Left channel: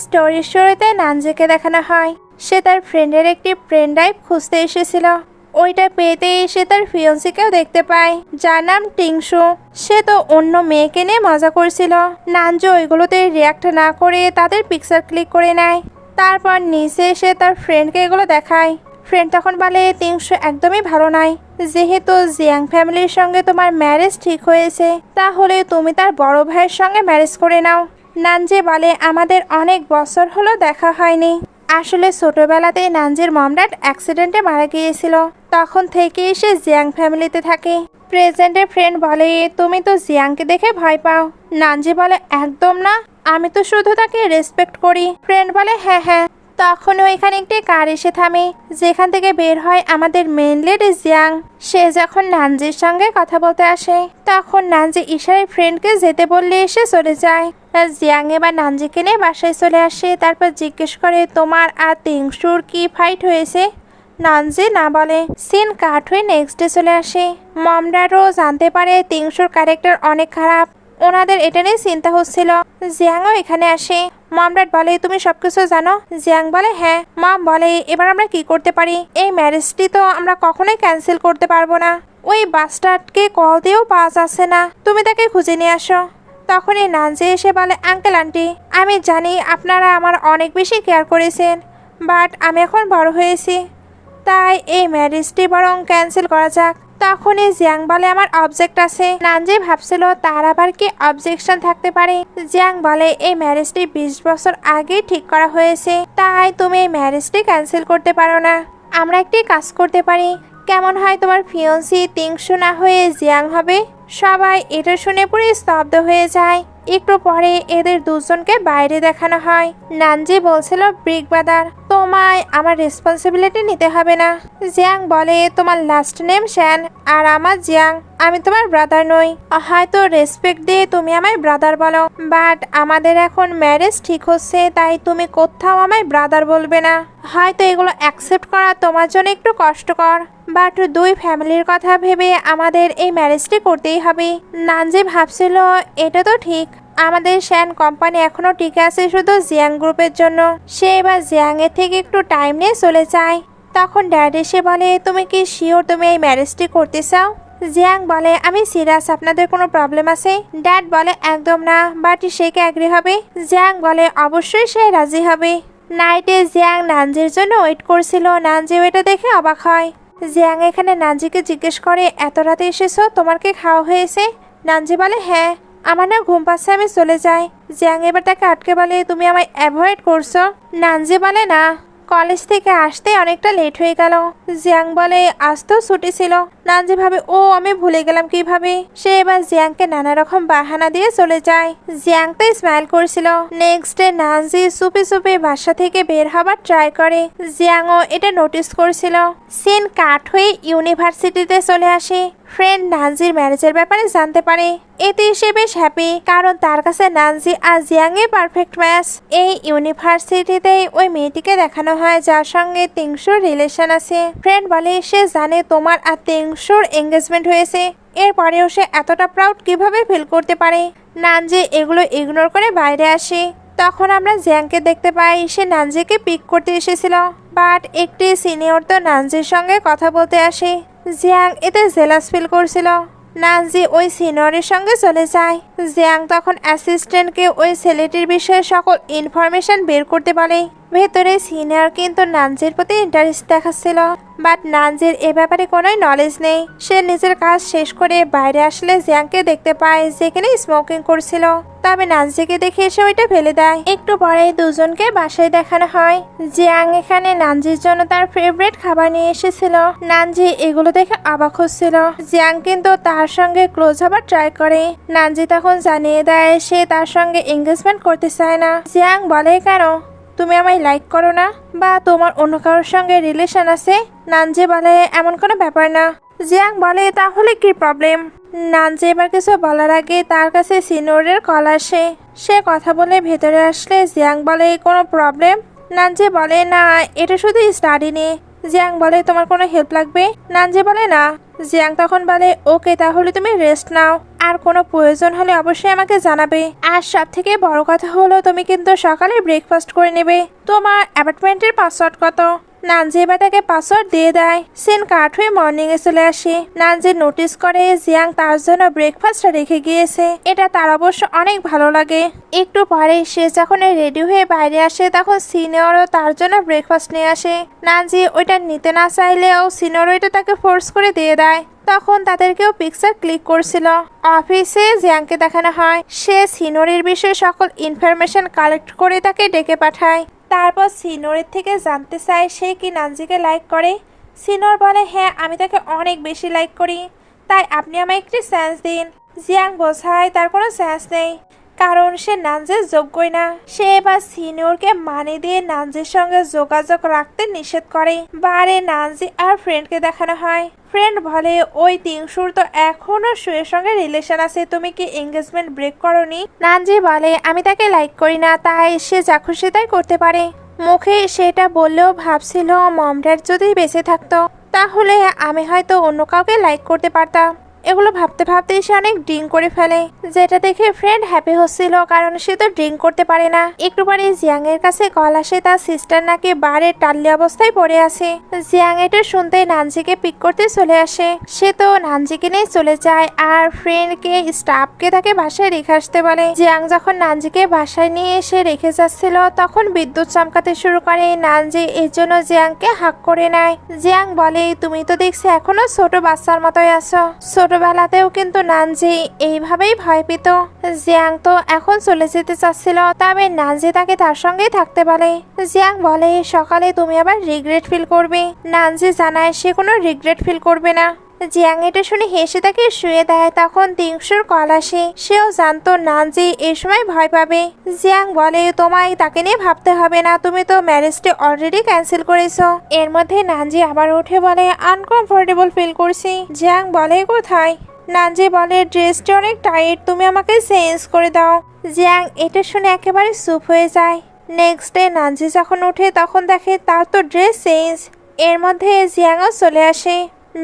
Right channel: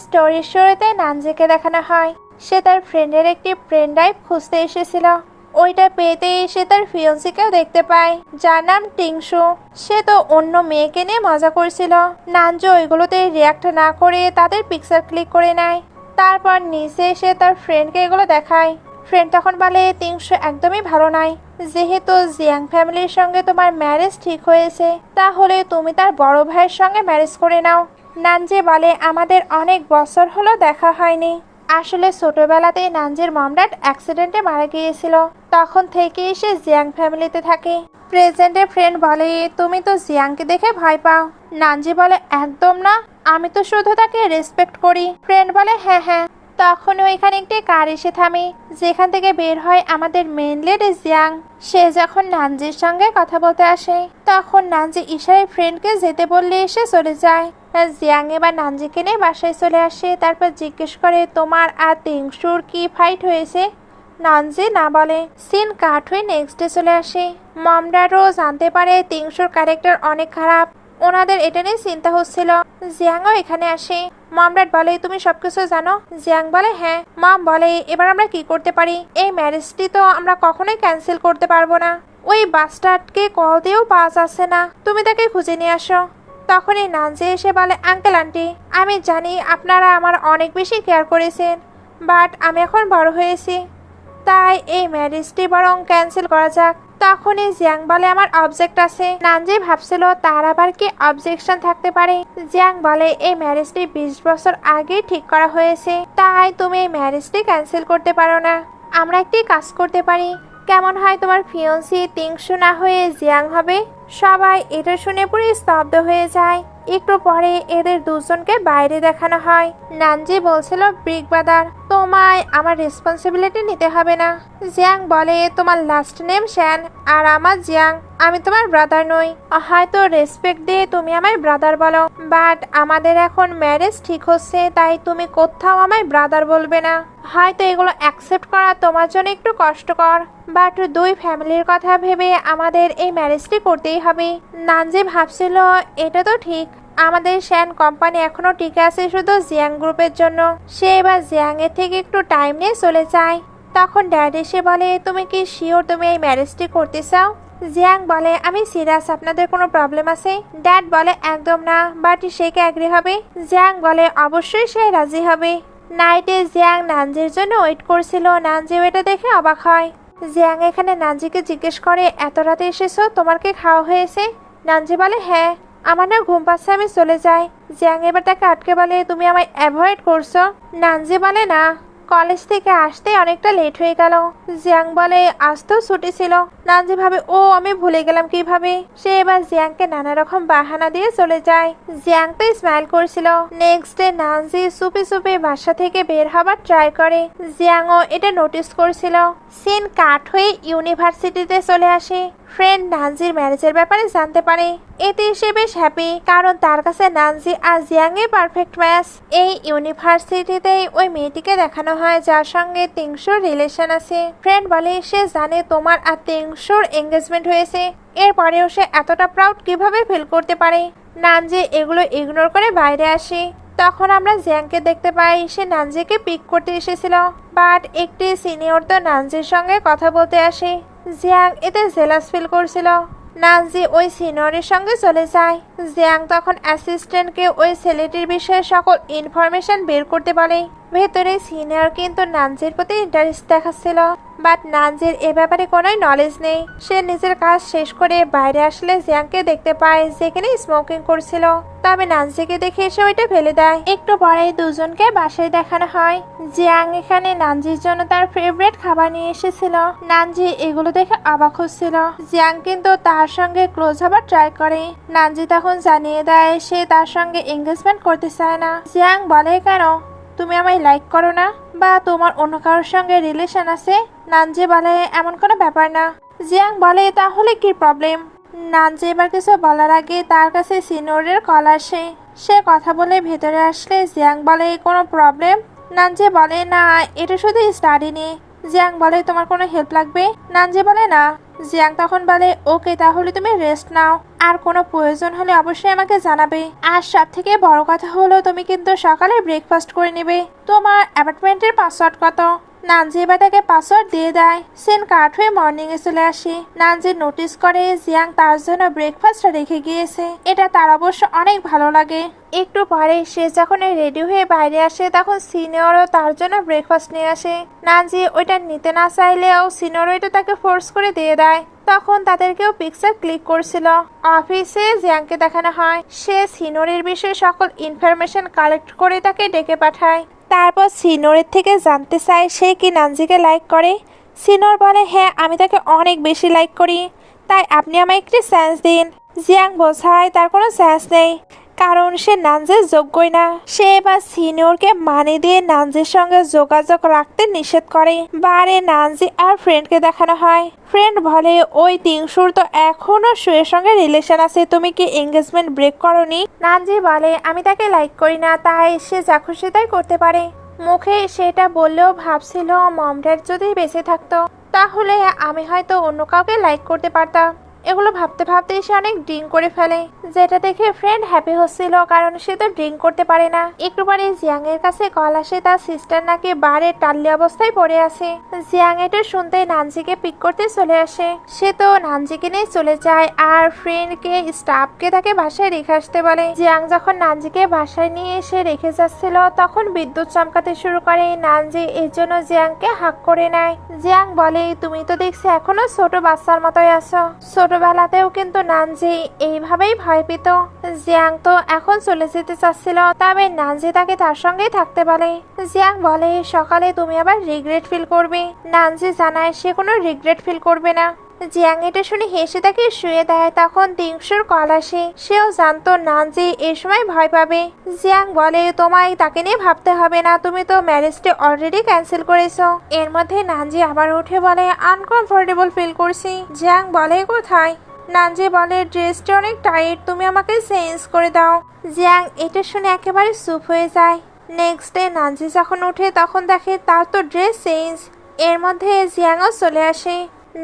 স্টোরির শুরুতে নানজিকে দেখানো হয় সে তার ফ্রেন্ডের একটি পেন ড্রাইভ খুঁজতে এসেছিল। ওইটা পেতেই সে তার ফিয়ন্সিকেও দেখতে পায় যার নাম টিংশু। সে তো অন্য মেয়েকে নিয়ে মজা করছিল। নানজু ওইগুলোতে রিয়াক্ট না করে তাদের পিকচার ক্লিক করে নেয়। তারপর নিচে এসে তার ফ্রেন্ডকে এগুলো দেখায়। ফ্রেন্ড তখন বলে টিংশু একদমই ভালো নয়। যেহেতু জিয়াং ফ্যামিলির সঙ্গে তোমার ম্যারেজ ঠিক হয়েছে তাহলে তুমি তার বড় ভাইয়ের সঙ্গে ম্যারেজ করে নাও। নানজি বলে আমাদের অনেক বছর হলো দেখা হয়নি। আসলে ছোটবেলাতেই নানজির মম ড্যাড অ্যাক্সিডেন্টে মারা গিয়েছিল। তখন থেকেই সে জিয়াং ফ্যামিলিতে থাকে। প্রেজেন্টের ফ্রেন্ড বলে তুমি তো জিয়াংকে দেখে ভয় পাও। নানজি বলে একদম না, আমি তো শুধু তাকে রেসপেক্ট করি। ফ্রেন্ড বলে হ্যাঁ হ্যাঁ। তখন ওইখানে একটি কার এসে থামে যেখান থেকে বের হয় আমাদের মেন লিড জিয়াং। সে যখন নানজির সঙ্গে কথা বলতে আসে তখন নানজি ইশারায় ফ্রেন্ডকে যেতে বললে এসে চলে যায়। জিয়াং এবার নানজিকে নিয়ে বাসায় চলে আসে। তারপর জিজ্ঞেস করে তোমার আর টিংশুর কি ফাইট হয়েছে। নানজি না বলে। সিন কাট হয়ে নেক্সট ডে চলে আসে। মমডারও জানতে পারে টিংশুর ক্যারেক্টার অনেক খারাপ। ওনাদের এটা নিয়ে চিন্তা হচ্ছিল। জিয়াংও এখানে আসে। মমডাড বলে তুমি সবকিছু জানো। জিয়াং বলে হ্যাঁ। মম বলে এবার আমরা কি করতে পারি? এই ম্যারেজটি তো আমরা কখনোই ক্যান্সেল করতে পারবো না। ওই বাস্টার্ডকে কল দিয়েও পাওয়া যাচ্ছে না, তুমি তাকে খুঁজে নিয়ে আসো। তখনই নানজি এসে বলে আঙ্কেল আন্টি আমি জানি আপনারা আমার অনেক বেশি কেয়ার করেছেন, বাট আমি এখন বড় হয়েছি, তাই এই ম্যারেজটি বরং ক্যান্সেল করা যাক। তখনই জিয়াং বলে আমার অবজেক্ট আছে। নানজি ভাবছিল তার আবার কি অবজেকশন থাকতে পারে। জিয়াং বলে এই ম্যারেজটি 20 বছর আগেই ঠিক করা হয়েছে, তাই তুমি এই ম্যারেজটি ক্যান্সেল করতে পারো না। আমরা একটি কাজ করতে পারি, কেমন হয় তোমার ফিয়ন্সি টিংশু না হয়ে জিয়াং হবে। সবাই এটা শুনে পুরো স্তব্ধ হয়ে যায়। একটু পরে এদের দুজনকে বাইরে দেখানো হয়। নানজি বলছিল ব্রিক ব্রাদার তোমায় আমার রেসপন্সিবিলিটি নিতে হবে না। জিয়াং বলে তোমার লাস্ট নেম শ্যান আর আমার জিয়াং, আমি তোমার ব্রাদার নই। হয়তো রেসপেক্ট দিয়ে তুমি আমায় ব্রাদার বলো, বাট আমাদের এখন ম্যারেজ ঠিক হচ্ছে, তাই তুমি কোথাও আমায় ব্রাদার বলবে না। হয়তো এগুলো অ্যাকসেপ্ট করা তোমার জন্য একটু কষ্টকর, বাট দুই ফ্যামিলির কথা ভেবে আমাদের এই ম্যারেজটি করতেই হবে। নানজি ভাবছিল এটা তো ঠিক, আমাদের শ্যান কোম্পানি এখনো টিকে আছে শুধু জিয়াং গ্রুপের জন্য। সে এবার জিয়াং এর থেকে একটু টাইম নিয়ে চলে যায়। তখন ড্যাড এসে বলে তুমি কি শিওর তুমি এই ম্যারেজটি করতে চাও? জিয়াং বলে আমি সিরিয়াস, আপনাদের কোনো প্রবলেম আছে? ড্যাড বলে একদম না, বাট সে কি এগ্রি হবে? জিয়াং বলে অবশ্যই সে রাজি হবে। নাইটে জিয়াং নানজির জন্য ওয়েট করছিল। নানজিও এটা দেখে অবাক হয়। জিয়াং এখানে নানজিকে জিজ্ঞেস করে এত রাতে এসেছো, তোমার কি খাওয়া হয়েছে? নানজি বলে হ্যাঁ, আমার না ঘুম পাচ্ছে, আমি চলে যাই। জিয়াং এবার তাকে আটকে বলে তুমি আমায় অ্যাভয়েড করছো। নানজি বলে না, কলেজ থেকে আসতে অনেকটা লেট হয়ে গেল। জিয়াং বলে আজ তো ছুটি ছিল। নানজি ভাবে ও আমি ভুলে গেলাম কিভাবে। সে এবার জিয়াংকে নানা রকম বাহানা দিয়ে চলে যায়। জিয়াং তো স্মাইল করছিল। নেক্সট ডে নানজি চুপি চুপি বাসা থেকে বের হবার ট্রাই করে। জিয়াংও এটা নোটিস করছিল। সিন কাট হয়ে ইউনিভার্সিটিতে চলে আসে। ফ্রেন্ড নানজির ম্যারেজের ব্যাপারে জানতে পারে। এতে সে বেশ হ্যাপি, কারণ তার কাছে নানজি আর জিয়াং এর পারফেক্ট ম্যাচ। এই ইউনিভার্সিটিতে ওই মেয়েটিকে দেখানো হয় যার সঙ্গে টিংশুর রিলেশন আছে। ফ্রেন্ড বলে সে জানে তোমার আর টিংশুর এঙ্গেজমেন্ট হয়েছে, এরপরেও সে এতটা প্রাউড কিভাবে ফিল করতে পারে। নানজি এগুলো ইগনোর করে বাইরে আসে। তখন আমরা জিয়াংকে দেখতে পাই, সে নানজিকে পিক করতে এসেছিল, বাট একটি সিনিয়র তো নানজির সঙ্গে কথা বলতে আসে। জিয়াং এতে জেলাস ফিল করছিল। নানজি ওই সিনিয়রের সঙ্গে চলে যায়। জিয়াং তখন অ্যাসিস্ট্যান্টকে ওই ছেলেটির বিষয়ে সকল ইনফরমেশন বের করতে বলে। ভেতরে সিনিয়র কিন্তু নানজির প্রতি ইন্টারেস্ট দেখাচ্ছিল, বাট নানজির এ ব্যাপারে কোনো নলেজ নেই। সে নিজের কাজ শেষ করে বাইরে আসলে জিয়াংকে দেখতে পায় যেখানে স্মোকিং করছিল, তবে নানজিকে দেখে এসে ওইটা ফেলে দেয়। একটু পরে দুজনকে বাসায় দেখানো হয়। জিয়াং এখানে নানজির জন্য তার ফেভারিট খাবার নিয়ে এসেছিল। নানজি এগুলো দেখে অবাক হচ্ছিল। জিয়াং কিন্তু তার সঙ্গে ক্লোজ হবার ট্রাই করে। নানজি তখন জানিয়ে দেয় সে তার সঙ্গে এঙ্গেজমেন্ট করতে চায় না। জিয়াং বলে কেন, তুমি আমায় লাইক করো না, বা তোমার অন্য কারোর সঙ্গে রিলেশন আছে? নানজি বলে এমন কোনো ব্যাপার না। জিয়াং বলে তাহলে কি প্রবলেম? নানজি এবার কিছু বলার আগে তার কাছে সিনিয়রের কল আসে। সে কথা বলে ভেতরে আসলে জিয়াং বলে কোনো প্রবলেম? নানজি বলে না, এটা শুধু স্টাডি নিয়ে। জিয়াং বলে তোমার কোনো হেল্প লাগবে? নানজি বলে না। জিয়াং তখন বলে ওকে তাহলে তুমি রেস্ট নাও, আর কোনো প্রয়োজন হলে অবশ্যই আমাকে জানাবে। আর সব থেকে বড় কথা হলো তুমি কিন্তু সকালে ব্রেকফাস্ট করে নেবে। তোমার অ্যাপার্টমেন্টের পাসওয়ার্ড কত? নানজি এবার তাকে পাসওয়ার্ড দিয়ে দেয়। সিন কাট হয়ে মর্নিং এ চলে আসে। নানজি নোটিস করে জিয়াং তার জন্য ব্রেকফাস্টটা রেখে গিয়েছে। এটা তার অবশ্য অনেক ভালো লাগে। একটু পরে সে যখন রেডি হয়ে বাইরে আসে তখন সিনিয়রও তার জন্য ব্রেকফাস্ট নিয়ে আসে। নানজি ওইটা নিতে না চাইলেও সিনিয়র ওইটা তাকে ফোর্স করে দিয়ে দেয়। তখন তাদেরকেও পিকচার ক্লিক করছিল। অফিসে জিয়াংকে দেখানো হয় সে সিনিয়রের বিষয়ে সকল ইনফরমেশন কালেক্ট করে তাকে ডেকে পাঠায়। তারপর সিনিয়রের থেকে জানতে চায় সে কি নানজিকে লাইক করে। সিনিয়র বলে হ্যাঁ আমি তাকে অনেক বেশি লাইক করি, তাই আপনি আমায় একটি চান্স দিন। জিয়াং বোঝায় তার কোনো চান্স নেই, কারণ সে নানজির যোগ্যই না। সে এবার সিনিয়রকে মানে দিয়ে নানজির সঙ্গে যোগাযোগ রাখতে নিষেধ করে। বারে নানজি আর ফ্রেন্ডকে দেখানো হয়। ফ্রেন্ড বলে ওই তিংশুর তো এখনো শুয়ের সঙ্গে রিলেশন আছে, তুমি কি এঙ্গেজমেন্ট ব্রেক করনি? নানজি বলে আমি তাকে লাইক করি না, তাই সে যা খুশি তাই করতে পারে। মুখে সেটা বললেও ভাবছিল মম ড্যাড যদি বেঁচে থাকতো তাহলে আমি হয়তো অন্য কাউকে লাইক করতে পারতাম। এগুলো ভাবতে ভাবতে সে অনেক ড্রিঙ্ক করে ফেলে, যেটা দেখে ফ্রেন্ড হ্যাপি হচ্ছিল কারণ সে তো ড্রিঙ্ক করতে পারে না। একটু পরে জিয়াং এর কাছে কল আসে তার সিস্টার নাকি বারে টাল্লি অবস্থায় পড়ে আছে। জিয়াং এটা শুনতে নানজিকে পিক করতে চলে আসে। সে তো নানজিকে নিয়ে চলে যায় আর ফ্রেন্ডকে স্টাফকে তাকে বাসায় রেখে আসতে বলে। জিয়াং যখন নানজিকে বাসায় নিয়ে এসে রেখে যাচ্ছিল তখন বিদ্যুৎ চমকাতে শুরু করে। নানজি এর জন্য জিয়াংকে হাক করে নেয়। জিয়াং বলে তুমি তো দেখছি এখনো ছোট বাচ্চার মতোই আছো। ছোটবেলাতেও কিন্তু নানজি এইভাবেই ভয় পেত। জিয়াং তো এখন চলে যেতে চাচ্ছিল, তবে নানজি তাকে তার সঙ্গেই থাকতে বলে। জিয়াং বলে সকালে তুমি আবার রিগ্রেট ফিল করবে। নানজি জানায় সে কোনো রিগ্রেট ফিল করবে না। জিয়াং এটা শুনে হেসে তাকে শুয়ে দেয়। তখন তিংশুর কল আসে। সেও জানতো নানজি এই সময় ভয় পাবে। জিয়াং বলে তোমায় তাকে নিয়ে ভাবতে হবে না, তুমি তো ম্যারেজটি অলরেডি ক্যান্সেল করেছো। এর মধ্যে নানজি আবার উঠে বলে আনকমফোর্টেবল ফিল করছি। জিয়াং বলে কোথায়? নানজি বলে ড্রেসটা অনেক টাইট, তুমি আমাকে চেঞ্জ করে দাও। জিয়াং এটা শুনে একেবারে চুপ হয়ে যায়। নেক্সট ডে নানজি যখন ওঠে তখন দেখে তার তো ড্রেস চেঞ্জ। এর মধ্যে জিয়াংও চলে আসে।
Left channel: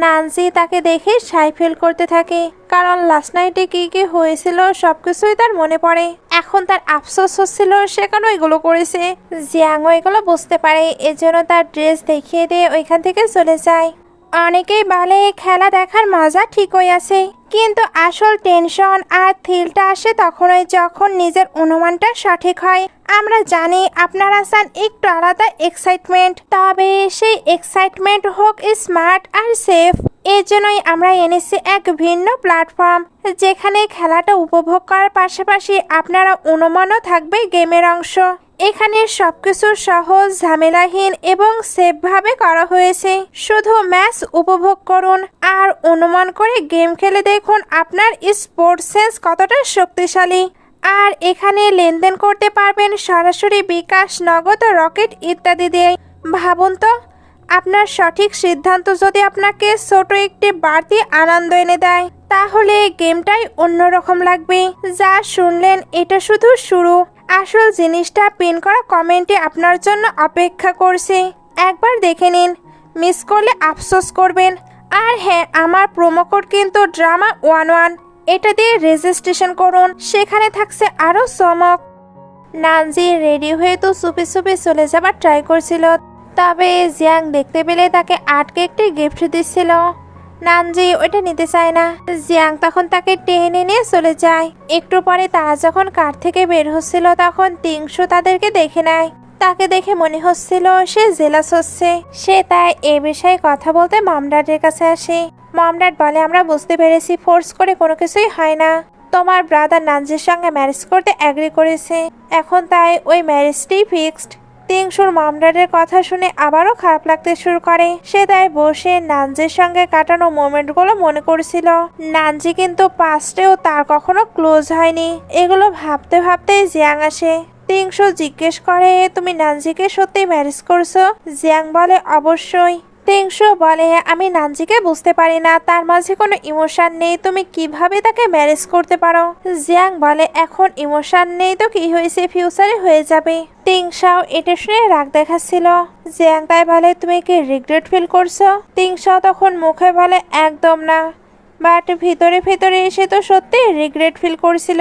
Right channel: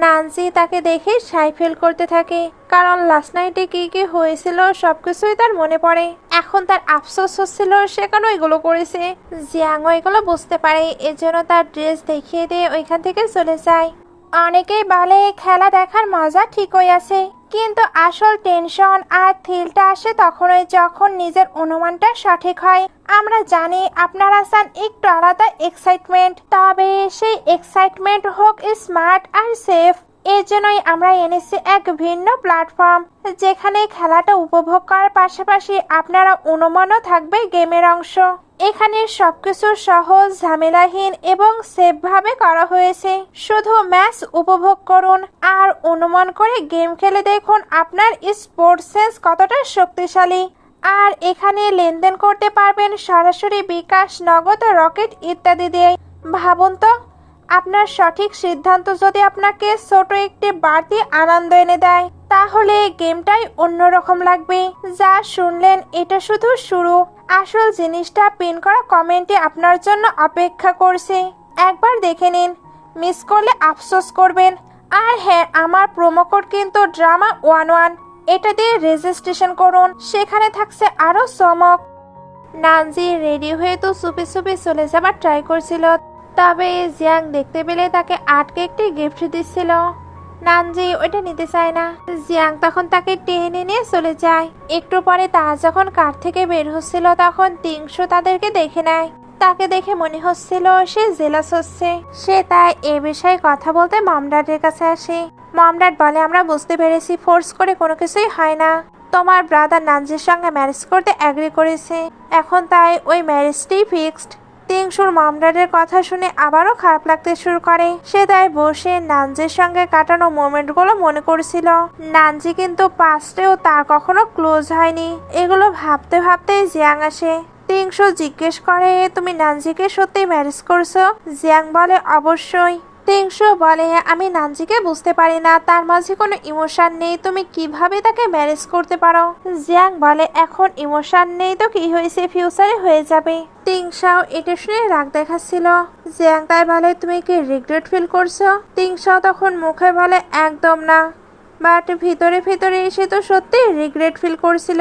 নানজি তাকে দেখে সাই ফিল করতে থাকে, কারণ লাস্ট নাইটে কি কি হয়েছিল সবকিছুই তার মনে পড়ে। এখন তার আফসোস হচ্ছিল সে কেন এগুলো করেছে। জিয়াংও এগুলো বুঝতে পারে, এজন্য তার ড্রেস দেখিয়ে দিয়ে ওইখান থেকে চলে যায়। অনেকেই বলে খেলা দেখার মজা ঠিকই আছে, কিন্তু আসল টেনশন আর থ্রিলটা আসে তখনই যখন নিজের অনুমানটা সঠিক হয়। আমরা জানি আপনারা চান একটু আলাদা এক্সাইটমেন্ট, তবে সেই এক্সাইটমেন্ট হোক স্মার্ট আর সেফ। এই জন্যই আমরা এনেছি এক ভিন্ন প্ল্যাটফর্ম, যেখানে খেলাটা উপভোগ করার পাশাপাশি আপনারা অনুমানও থাকবে গেমের অংশ। এখানে সবকিছু সহজ, ঝামেলাহীন এবং সেফভাবে করা হয়েছে। শুধু ম্যাচ উপভোগ করুন আর অনুমান করে গেম খেলে দেখুন আপনার স্পোর্টস সেন্স কতটা শক্তিশালী। আর এখানে লেনদেন করতে পারবেন সরাসরি বিকাশ, নগদ, রকেট ইত্যাদি দিয়ে। ভাবুন তো, আপনার সঠিক সিদ্ধান্ত যদি আপনাকে ছোট একটি বাড়তি আনন্দ এনে দেয়, তাহলে গেমটাই অন্যরকম লাগবে। যা শুনলেন এটা শুধু শুরু, আসল জিনিসটা পিন করা কমেন্টে আপনার জন্য অপেক্ষা করছে। একবার দেখে নিন, মিস করলে আফসোস করবেন। আর হ্যাঁ, আমার প্রোমো কোড কিন্তু drama11, এটা দিয়ে রেজিস্ট্রেশন করুন, সেখানে থাকছে আরো চমক। নানজি রেডি হয়ে তো চুপি চুপি চলে যাবার ট্রাই করছিল, তবে জিয়াং দেখতে পেলে তাকে আটকে একটি গিফট দিচ্ছিল। নানজি ওইটা নিতে চায় না। জিয়াং তখন তাকে টেনে নিয়ে চলে যায়। একটু পরে তারা যখন কার থেকে বের হচ্ছিল তখন তিংশু তাদেরকে দেখে নেয়। তাকে দেখে মনে হচ্ছিল সে জেলাস হচ্ছে। সে তাই এ বিষয়ে কথা বলতে মমডাডের কাছে আসে। মমডাড বলে আমরা বুঝতে পেরেছি ফোর্স করে কোনো কিছুই হয় না। তোমার ব্রাদার নানজির সঙ্গে ম্যারেজ করতে অ্যাগ্রি করেছে, এখন তাই ওই ম্যারেজটি ফিক্সড। তিংশুর মমডাডের কথা শুনে আবারও খারাপ লাগতে শুরু করে। সে তাই বসে নানজির সঙ্গে কাটানো মোমেন্টগুলো মনে করছিল। নানজি কিন্তু পাস্টেও তার কখনো ক্লোজ হয়নি। এগুলো ভাবতে ভাবতে জিয়াং আসে। তিংশু জিজ্ঞেস করে তুমি নানজিকে সত্যি ম্যারেজ করছো? জিয়াং বলে অবশ্যই। তিংশু বলে আমি নানজিকে বুঝতে পারি না, তার মাঝে কোনো ইমোশন নেই, তুমি কিভাবে তাকে ম্যারেজ করতে পারো? জিয়াং বলে এখন ইমোশন নেই তো কি হয়েছে, ফিউচারে হয়ে যাবে। তিংশাও এটা শুনে রাগ দেখাচ্ছিল। জিয়াং তাই বলে তুমি কি রিগ্রেট ফিল করছো? তিংশাও তখন মুখে বলে একদম না, বাট ভিতরে ভিতরে সে তো সত্যি রিগ্রেট ফিল করছিল।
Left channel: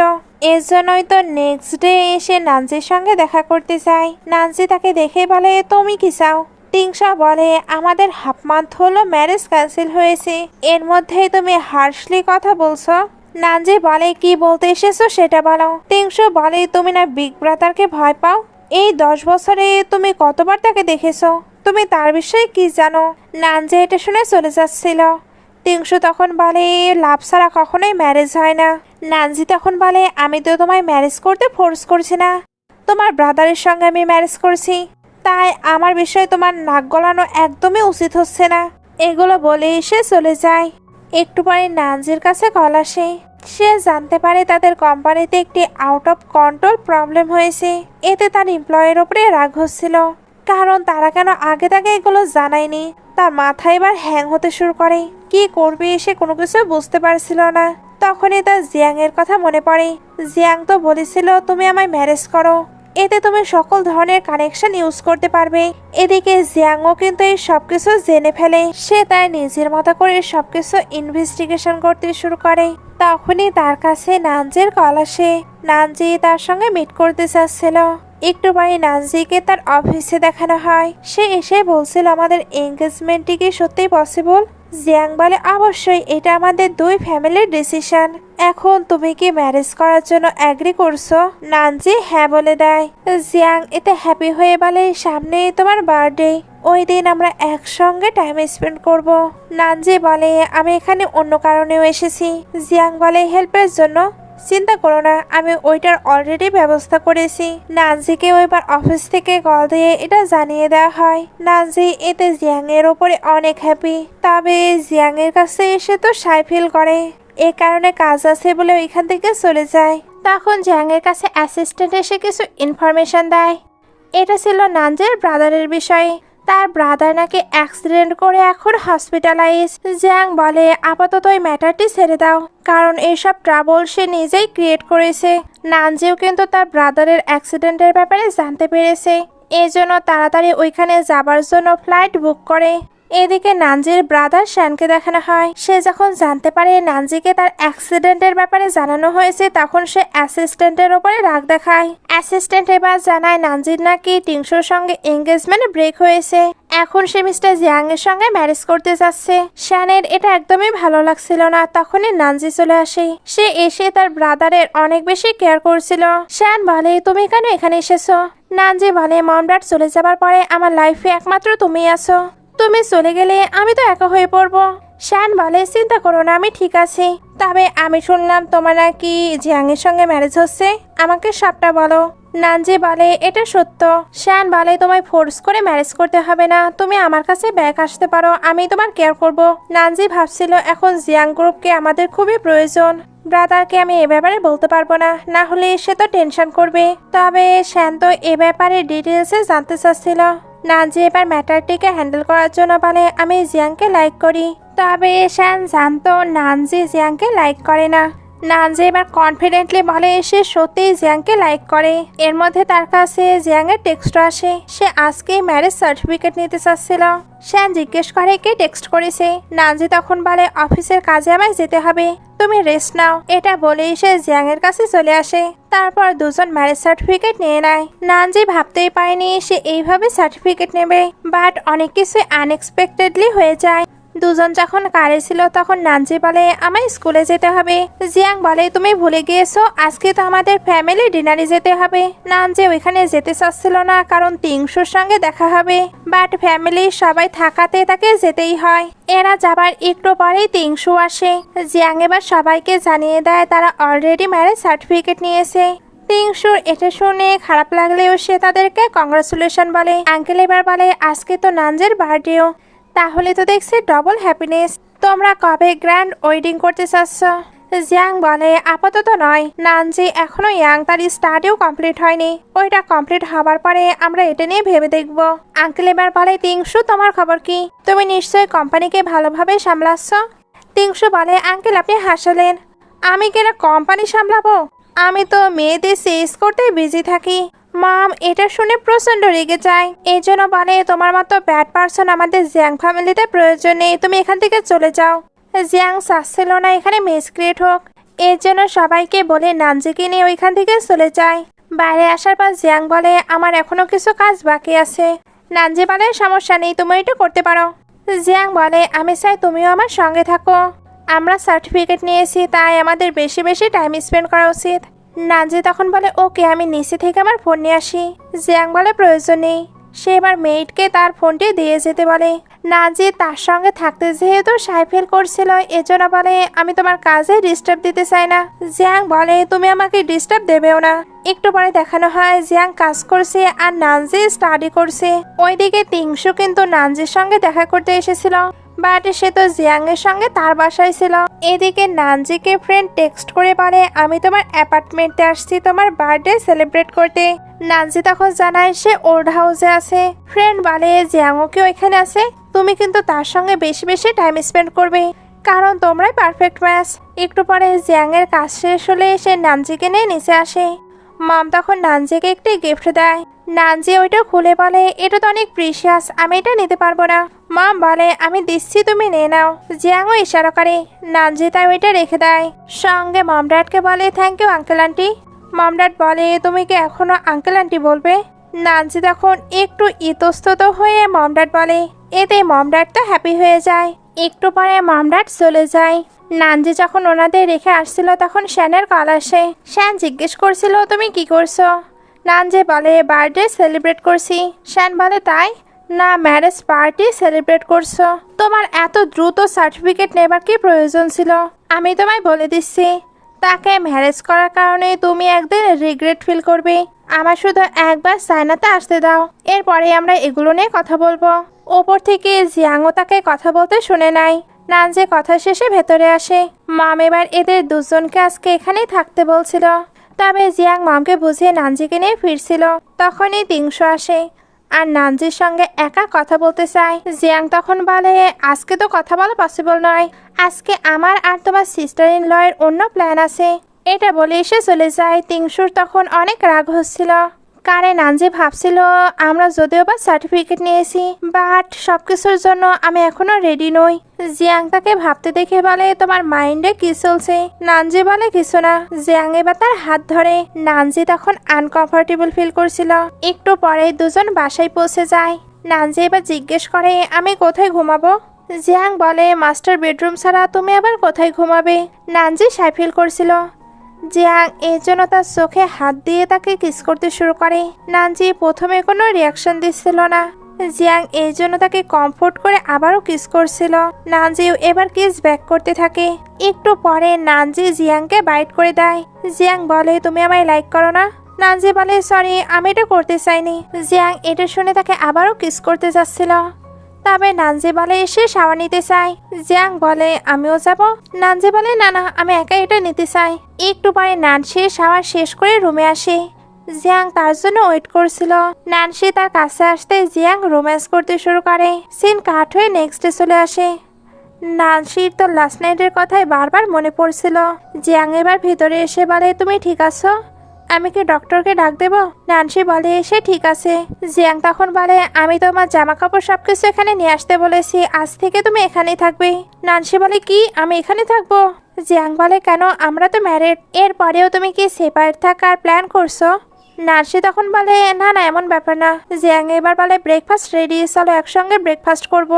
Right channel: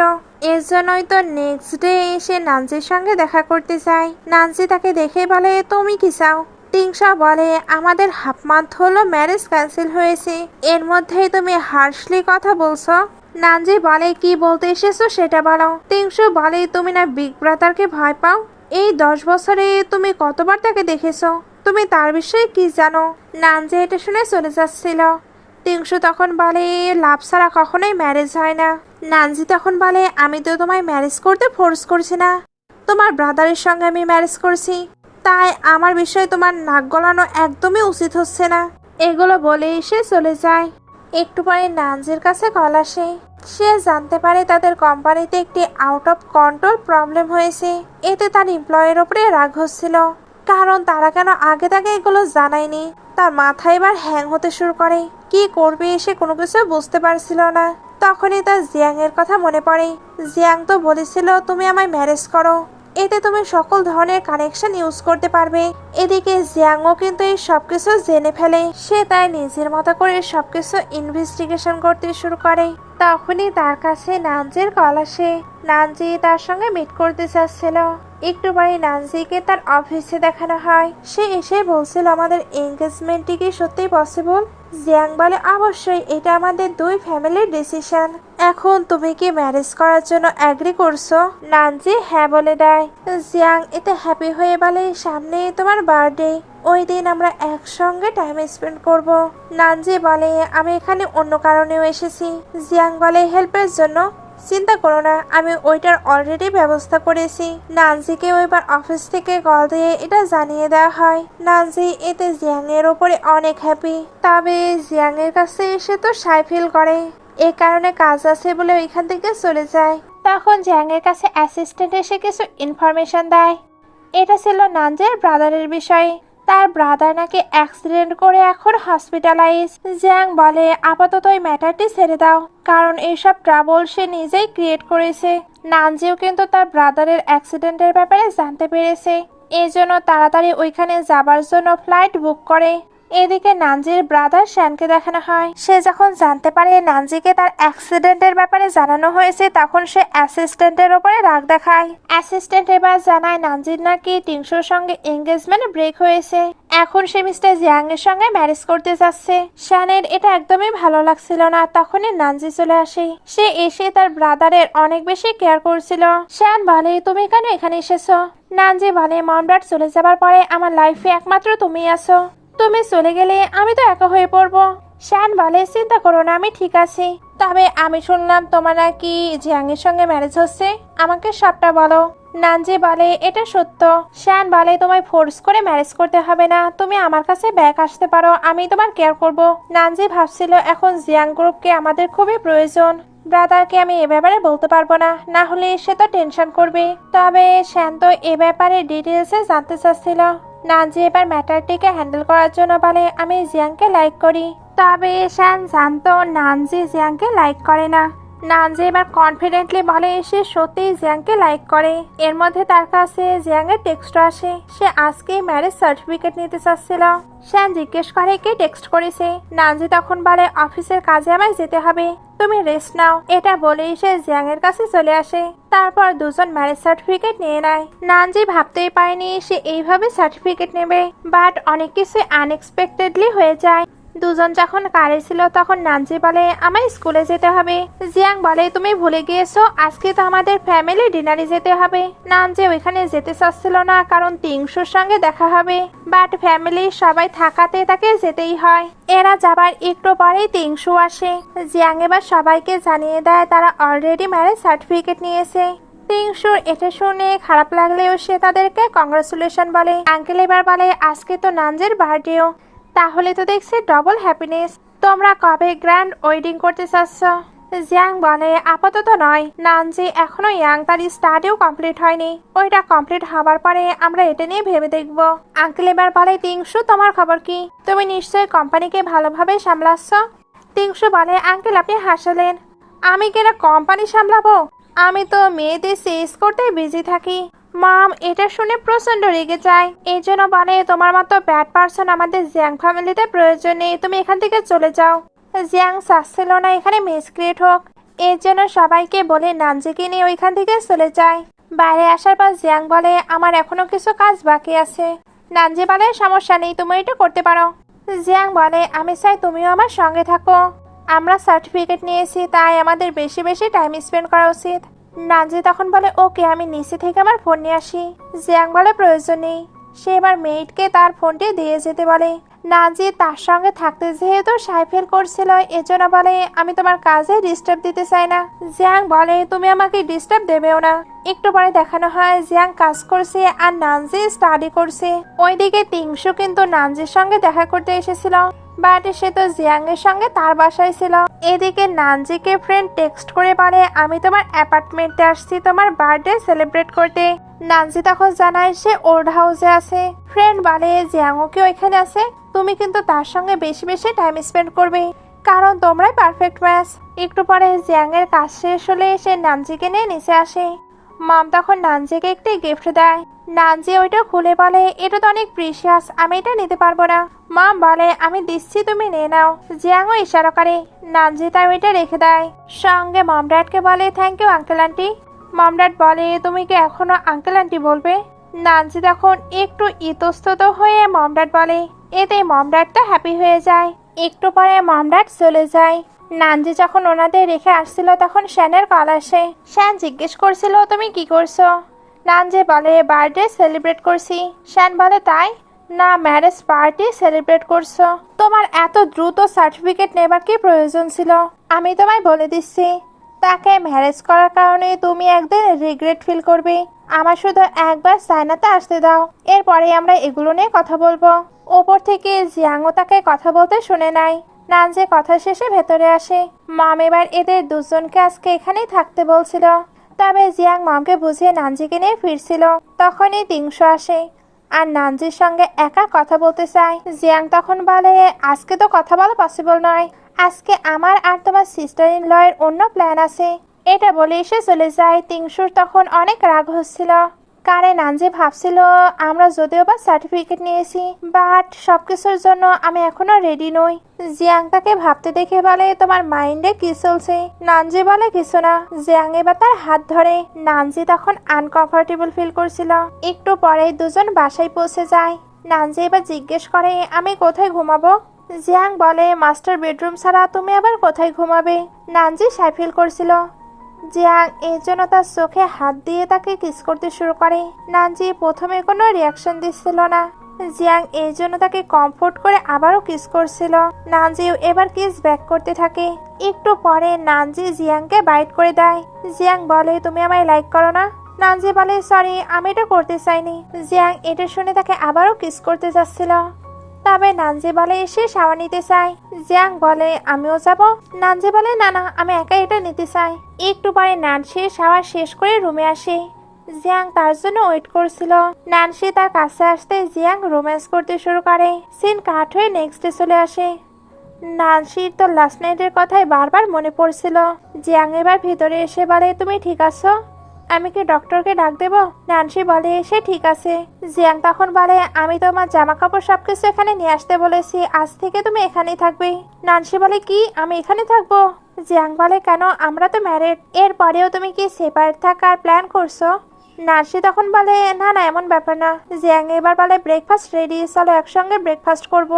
এর জন্যই তো নেক্সট ডে এসে নানজির সঙ্গে দেখা করতে চায়। নানজি তাকে দেখে বলে, তুমি কি চাও? টিংশা বলে, আমাদের হাফ মান্থ হলো ম্যারেজ ক্যান্সেল হয়েছে, এর মধ্যেই তুমি হার্শলি কথা বলছো। নানজি বলে, কি বলতে এসেছো সেটা বলো। টিংশু বলে, তুমি না বিগ ব্রাদারকে ভয় পাও? এই 10 বছরে তুমি কতবার তাকে দেখেছো? তুমি তার বিষয়ে কি জানো? নানজি এটা শুনে চলে যাচ্ছিল। টিংশু তখন বলে, লাভ ছাড়া কখনোই ম্যারেজ হয় না। নানজি তখন বলে, আমি তো তোমায় ম্যারেজ করতে ফোর্স করছি না, তোমার ব্রাদারের সঙ্গে আমি ম্যারেজ করছি, তাই আমার বিষয়ে তোমার নাক গলানো একদমই উচিত হচ্ছে না। এগুলো বলে সে চলে যায়। একটু পরে নানজির কাছে কল আসে। সে জানতে পারে তাদের কোম্পানিতে একটি আউট অফ কন্ট্রোল প্রবলেম হয়েছে। এতে তার এমপ্লয়ের ওপরে রাগ হচ্ছিল, কারণ তারা কেন আগে তাকে এগুলো জানায়নি। তার মাথা এবার হ্যাং হতে শুরু করে। কি করবে সে কোনো কিছু বুঝতে পারছিল না। তখনই তার জিয়াং এর কথা মনে পড়ে। জিয়াং তো বলেছিল, তুমি আমায় ম্যারেজ করো, এতে তুমি সকল ধরনের কানেকশন ইউজ করতে পারবে। এদিকে জিয়াংও কিন্তু এই সবকিছু জেনে ফেলে। সে তার নিজের মতো করে সবকিছু ইনভেস্টিগেশন করতে শুরু করে। তখনই তার কাছে নানজির কল আসে। নানজি তার সঙ্গে মিট করতে চাচ্ছিল। একটু পরে নানজিকে তার অফিসে দেখানো হয়। সে এসে বলছিল, আমাদের এঙ্গেজমেন্টটি কি সত্যি পসিবল? জিয়াং বলে, অবশ্যই, এটা আমাদের দুই ফ্যামিলির ডিসিশন। এখন তুমি কি ম্যারেজ করার জন্য এগ্রি করছো? নানজি হ্যাঁ বলে দেয়। জিয়াং এতে হ্যাপি হয়ে বলে, সামনে তোমার বার্থডে, ওই দিন আমরা একসঙ্গে টাইম স্পেন্ড করব। নানজি বলে, আমি এখানে অন্য কারণেও এসেছি। জিয়াং বলে, হেল্পের জন্য? চিন্তা করো না, আমি ওইটার অলরেডি ব্যবস্থা করেছি। নানজিকে ওইবার অফিস থেকে কল দিয়ে এটা জানিয়ে দেওয়া হয়। নানজি এতে জিয়াং এর ওপরে অনেক হ্যাপি। তবে জিয়াং এর কাছে এসে তো সাই ফিল করে, এ কারণে কাজ আছে বলে ওইখান থেকে চলে যায়। তখন জিয়াং এর কাছে অ্যাসিস্ট্যান্ট এসে কিছু ইনফরমেশন দেয়। এটা ছিল নানজির ব্রাদারের বিষয়ে। তার ব্রাদার নাকি অ্যাক্সিডেন্ট করে এখন হসপিটালাইজ। জিয়াং বলে, আপাতত এই ম্যাটারটি ছেড়ে দাও, কারণ এইসব ট্রাবল সে নিজেই ক্রিয়েট করেছে। নানজিও কিন্তু তার ব্রাদারের অ্যাক্সিডেন্টের ব্যাপারে জানতে পেরেছে, এই জন্য তাড়াতাড়ি ওইখানে যাবার জন্য ফ্লাইট বুক করে। এদিকে নানজির ব্রাদার শ্যানকে দেখানো হয়। সে যখন জানতে পারে নানজিকে তার অ্যাক্সিডেন্টের ব্যাপারে জানানো হয়েছে, তখন সে অ্যাসিস্ট্যান্টের ওপরে রাগ দেখায়। অ্যাসিস্ট্যান্ট এবার জানায় নানজির নাকি টিংশুর সঙ্গে এঙ্গেজমেন্ট ব্রেক হয়েছে, এখন সে মিস্টার জিয়াং এর সঙ্গে ম্যারেজ করতে যাচ্ছে। শ্যানের এটা একদমই ভালো লাগছিল না। তখনই নানজি চলে আসে। সে এসে তার ব্রাদারের অনেক বেশি কেয়ার করছিল। শ্যান বলে, তুমি কেন এখানে এসেছো? নানজি বলে, মম ড্যাড চলে যাবার পরে আমার লাইফে একমাত্র তুমি আছো, তুমি চলে গেলে আমি তো একা হয়ে পড়বো। শ্যান বলে, চিন্তা করো না, আমি ঠিক আছি। তবে আমি শুনলাম তোমার নাকি জিয়াং এর সঙ্গে ম্যারেজ হচ্ছে, আমাকে সবটা বলো। নানজি বলে, এটা সত্য। শ্যান বলে, তোমায় ফোর্স করে ম্যারেজ করতে হবে না, তুমি আমার কাছে ব্যাক আসতে পারো, আমি তোমার কেয়ার করব। নানজি ভাবছিল, এখন জিয়াং গ্রুপকে আমাদের খুবই প্রয়োজন। ব্রাদারকে আমি এ ব্যাপারে বলতে পারবো না, না হলে সে তো টেনশন করবে। তবে শ্যান তো এ ব্যাপারে ডিটেলসে জানতে চাচ্ছিল। নানজি এবার ম্যাটারটিকে হ্যান্ডেল করার জন্য বলে, আমি জিয়াংকে লাইক করি। তবে শ্যান জানতো নানজি জিয়াংকে লাইক করে না। নানজি এবার কনফিডেন্টলি বলে সে সত্যিই জিয়াংকে লাইক করে। এর মধ্যে তার কাছে জিয়াং এর টেক্সট আসে। সে আজকে ম্যারেজ সার্টিফিকেট নিতে চাচ্ছিল। শ্যান জিজ্ঞেস করে কে টেক্সট করেছে। নানজি তখন বলে, অফিসের কাজে আমায় যেতে হবে, তুমি রেস্ট নাও। এটা বলেই সে জিয়াং এর কাছে চলে আসে। তারপর দুজন ম্যারেজ সার্টিফিকেট নিয়ে নেয়। নানজি ভাবতেই পারেনি সে এইভাবে সার্টিফিকেট নেবে, বাট অনেক কিছু আনএক্সপেক্টেডলি হয়ে যায়। দুজন যখন কারে ছিল তখন নানজি বলে, আমায় স্কুলে যেতে হবে। জিয়াং বলে, তুমি ভুলে গিয়েছো আজকে তো আমাদের ফ্যামিলি ডিনারে যেতে হবে। নানজি ওইখানে যেতে চাচ্ছিল না, কারণ টিংশুর সঙ্গে দেখা হবে, বাট ফ্যামিলির সবাই থাকাতে তাকে যেতেই হয়। এরা যাবার একটু পরেই টিংশু আসে। জিয়াং এবার সবাইকে জানিয়ে দেয় তারা অলরেডি ম্যারেজ সার্টিফিকেট নিয়েছে। টিংশুর এটা শুনে খারাপ লাগলেও সে তাদেরকে কংগ্রাচুলেশন বলে। আঙ্কেল এবার বলে, আজকে তো নানজির বার্থডেও, তাহলে তো দেখছি ডবল হ্যাপিনেস। তোমরা কবে গ্র্যান্ড ওয়েডিং করতে চাচ্ছ? জিয়াং বলে, আপাতত নয়, নানজি এখনো ইয়াং, তার স্টাডিও কমপ্লিট হয়নি, ওইটা কমপ্লিট হবার পরে আমরা এটা নিয়ে ভেবে দেখব। আঙ্কেল এবার বলে, টিংশু তোমার খবর কি? তুমি নিশ্চয়ই কোম্পানিকে ভালোভাবে সামলাচ্ছ? টিংশু বলে, আঙ্কেল আপনি হাসালেন, আমি কেন কোম্পানি সামলাবো? আমি তো মেয়েদের সেলস করতে বিজি থাকি। মম এটা শুনে প্রচন্ড রেগে যায়। এই জন্য বলে, তোমার মতো ব্যাড পার্সন আমাদের জিয়াং ফ্যামিলিতে প্রয়োজন নেই, তুমি এখান থেকে চলে যাও। জিয়াং চাচ্ছিল না এখানে মিস ক্রিয়েট হোক, এর জন্য সবাইকে বলে নানজিকে নিয়ে ওইখান থেকে চলে যায়। বাইরে আসার পর জিয়াং বলে আমার এখনো কিছু কাজ বাকি আছে। নানজি বলে সমস্যা নেই, তুমি এটা করতে পারো। জিয়াং বলে আমি চাই তুমিও আমার সঙ্গে থাকো, আমরা সার্টিফিকেট নিয়েছি তাই আমাদের বেশি বেশি টাইম স্পেন্ড করা উচিত। নানজি তখন বলে ওকে, আমি নিচে থেকে আমার ফোন নিয়ে আসি। জিয়াং বলে প্রয়োজন নেই। সে এবার মেয়েটকে তার ফোনটি দিয়ে যেতে বলে। নানজি তার সঙ্গে থাকতে যেহেতু সাইফেল করছিল এজন্য বলে আমি তোমার কাজে ডিস্টার্ব দিতে চাই না। জিয়াং বলে তুমি আমাকে ডিস্টার্ব দেবেও না। একটু পরে দেখানো হয় জিয়াং কাজ করছে আর নানজি স্টাডি করছে। ওইদিকে টিংশু কিন্তু নানজির সঙ্গে দেখা করতে এসেছিল, বাট সে তো জিয়াং এর সঙ্গে তার বাসায় ছিল। এদিকে নানজিকে ফ্রেন্ড টেক্সট করে বলে আমি তোমার অ্যাপার্টমেন্টে আসছি তোমার বার্থডে সেলিব্রেট করতে। নানজি তখন জানায় সে ওল্ড হাউসে আছে। ফ্রেন্ড বলে জিয়াংও কি ওইখানে আছে, তুমি কিন্তু তার সঙ্গে বেশি বেশি টাইম স্পেন্ড করবে কারণ তোমরাই পারফেক্ট ম্যাচ। একটু পরে জিয়াং এর কাজ শেষ হলে সে নানজিকে নিয়ে নিচে আসে। মম তখন নানজিকে একটি গিফট দেয়। নানজি ওইটা খুলে বলে এটা তো অনেক প্রিশিয়াস, আমি এটা নিতে পারবো না। মম বলে আমি দিচ্ছি তুমি নিয়ে নাও। জিয়াংও ইশারা করে, নানজি তাই ওইটা রেখে দেয়। সঙ্গে মম ড্যাডকে বলে thank you uncle aunty. Mom dad বলে তুমি কি এখনো আঙ্কেল আন্টি বলবে? নানজি তখন একটু ইতস্তত হয়ে মম ড্যাড বলে, এতে মম ড্যাড তো হ্যাপি হয়ে যায়। একটু পরে মম ড্যাড চলে যায়। নানজি যখন ওনাদের রেখে আসছিল তখন শ্যানের কল আসে। শ্যান জিজ্ঞেস করছিল তুমি কি করছো? নানজি বলে বার্থডে সেলিব্রেট করছি। শ্যান বলে তাই না, ম্যারেজ পার্টি সেলিব্রেট করছো? তোমার এত দ্রুত সার্টিফিকেট নেবার কি প্রয়োজন ছিল? আমি তোমায় বলে দিচ্ছি তাকে ম্যারেজ করার কারণে তুমি একদিন রিগ্রেট ফিল করবে। আমার শুধু একবার সাইনাতে আসতে দাও, এরপরে আমরা এগুলো নিয়ে কথা বলবো। ওপর থেকে জিয়াংও তাকে কথা বলতে শুনে নাই। নানজি কথা শেষে ভেতরে আসে। মম এবার এদের দুজনকে আজকে এখানেই থাকতে বলছিল, তবে জিয়াং মমকে বুঝিয়ে নানজিকে নিয়ে ফিরছিল। তখনই টিংশু আসে আর নানজির সঙ্গে একা কথা বলতে চায়। জিয়াং তখন বলে আজকে তো কথা বলা পসিবল নয়, আজকে আমার আর তোমার সিস্টার ইন ল এর অন্য প্ল্যান আছে। এটা বলে এসে চলে যায়। টিংশুর তখন অনেক রাগ হচ্ছিল, কারণ নানজি ভাবছিল আমরা যদিও বা সার্টিফিকেট নিয়েছি বাট সবকিছুর জন্য আমি এখনো রেডি নই। জিয়াং তাকে ভাবতে দেখে বলে তোমার মাইন্ডে কি চলছে? নানজি বলে কিছু না। জিয়াং এবার তার হাত ধরে। নানজি তখন আনকমফোর্টেবল ফিল করছিল। একটু পরে দুজন বাসায় পৌঁছে যায়। নানজি এবার জিজ্ঞেস করে আমি কোথায় ঘুমাবো? জিয়াং বলে মাস্টার বেডরুম ছাড়া তুমি আবার কোথায় ঘুমাবে? নানজি সাই ফিল করছিল। জিয়াং এর জন্য তার চোখে হাত দিয়ে তাকে কিস করতে শুরু করে। নানজি প্রথমে কোনো রিয়াকশন দিচ্ছিল না। জিয়াং এই জন্য তাকে কমফোর্ট করে আবারও কিস করছিল। নানজিও এবার কিস ব্যাক করতে থাকে। একটু পরে নানজি জিয়াংকে বাইট করে দেয়। জিয়াং বলে তুমি আমায় লাইক করো না? নানজি বলে সরি, আমি এটা করতে চাইনি। জিয়াং এটা শুনে তাকে আবারও কিস করতে যাচ্ছিল, তবে নানজি বলে এসে শাওয়ার নিতে চাই। জিয়াং বলে আমিও যাব। নানজি বলে না না, আমি একা এটা নিতে চাই। একটু পরে নানসি শাওয়ার শেষ করে রুমে আসে। জিয়াং তার জন্য ওয়েট করছিল। নানসি তার কাছে আসতে জিয়াং রোম্যান্স করতে শুরু করে। সিন কাট হয়ে নেক্সট ডে চলে আসে। নানসির তো লাস্ট নাইটের কথাই বারবার মনে পড়ছিল। জিয়াং এবার ভিতরে এসে বলে তুমি ঠিক আছো? আমি কি ডক্টরকে ডাক দেবো? নানসি বলে সে ঠিক আছে। জিয়াং তখন বলে আমি তোমার জামা কাপড় সবকিছু এখানে নিয়ে আসতে বলেছি, আজ থেকে তুমি এখানেই থাকবে। নানসি বলে কি আমি এখানে থাকবো? জিয়াং বলে কেন, আমরা তো ম্যারিড, এরপরেও তুমি কি সেপারেট থাকার প্ল্যান করছো? নানসি তখন বলে না না এমন ব্যাপার না। জিয়াং এবার বলে ব্রেকফাস্ট রেডি, চলো একসঙ্গে ব্রেকফাস্ট করব।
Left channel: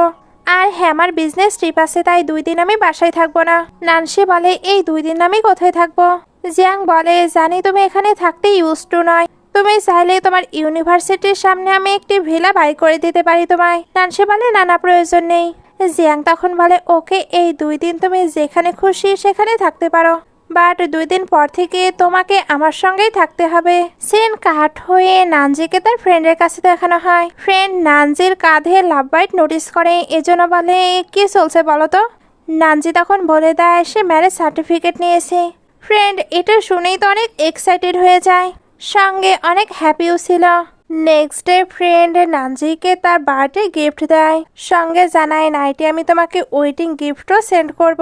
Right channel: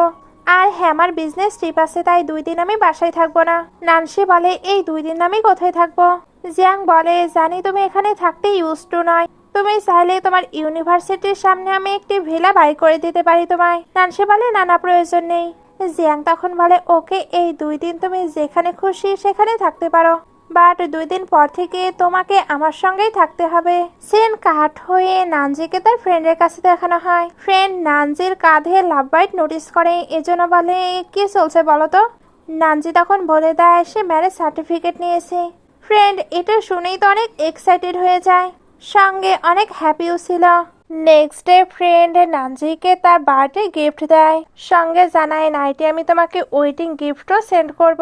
আর হ্যাঁ আমার বিজনেস ট্রিপ আছে তাই 2 দিন আমি বাসায় থাকবো না। নানসি বলে এই 2 দিন আমি কোথায় থাকবো? জিয়াং বলে জানি তুমি এখানে থাকতে ইউজ টু নয়, তুমি চাইলে তোমার ইউনিভার্সিটির সামনে আমি একটি ভিলা বাই করে দিতে পারি তোমায়। নানসি বলে না না প্রয়োজন নেই। জিয়াং তখন বলে ওকে, এই 2 দিন তুমি যেখানে খুশি সেখানে থাকতে পারো, বাট 2 দিন পর থেকে তোমাকে আমার সঙ্গেই থাকতে হবে। সিন কাট হয়ে নানজিকে তার ফ্রেন্ডের কাছে দেখানো হয়। ফ্রেন্ড নানজির কাঁধে লাভ বাইট নোটিস করে, এজন্য বলে কি চলছে বলো তো? নানজি তখন বলে দেয় সে ম্যারেজ সার্টিফিকেট নিয়েছে। ফ্রেন্ড এটা শুনেই তো অনেক এক্সাইটেড হয়ে যায়, সঙ্গে অনেক হ্যাপিও ছিল। নেক্সট ডে ফ্রেন্ড নানজিকে তার বার্থডে গিফট দেয়, সঙ্গে জানায় নাইটে আমি তোমাকে ওয়েডিং গিফটও সেন্ড করব।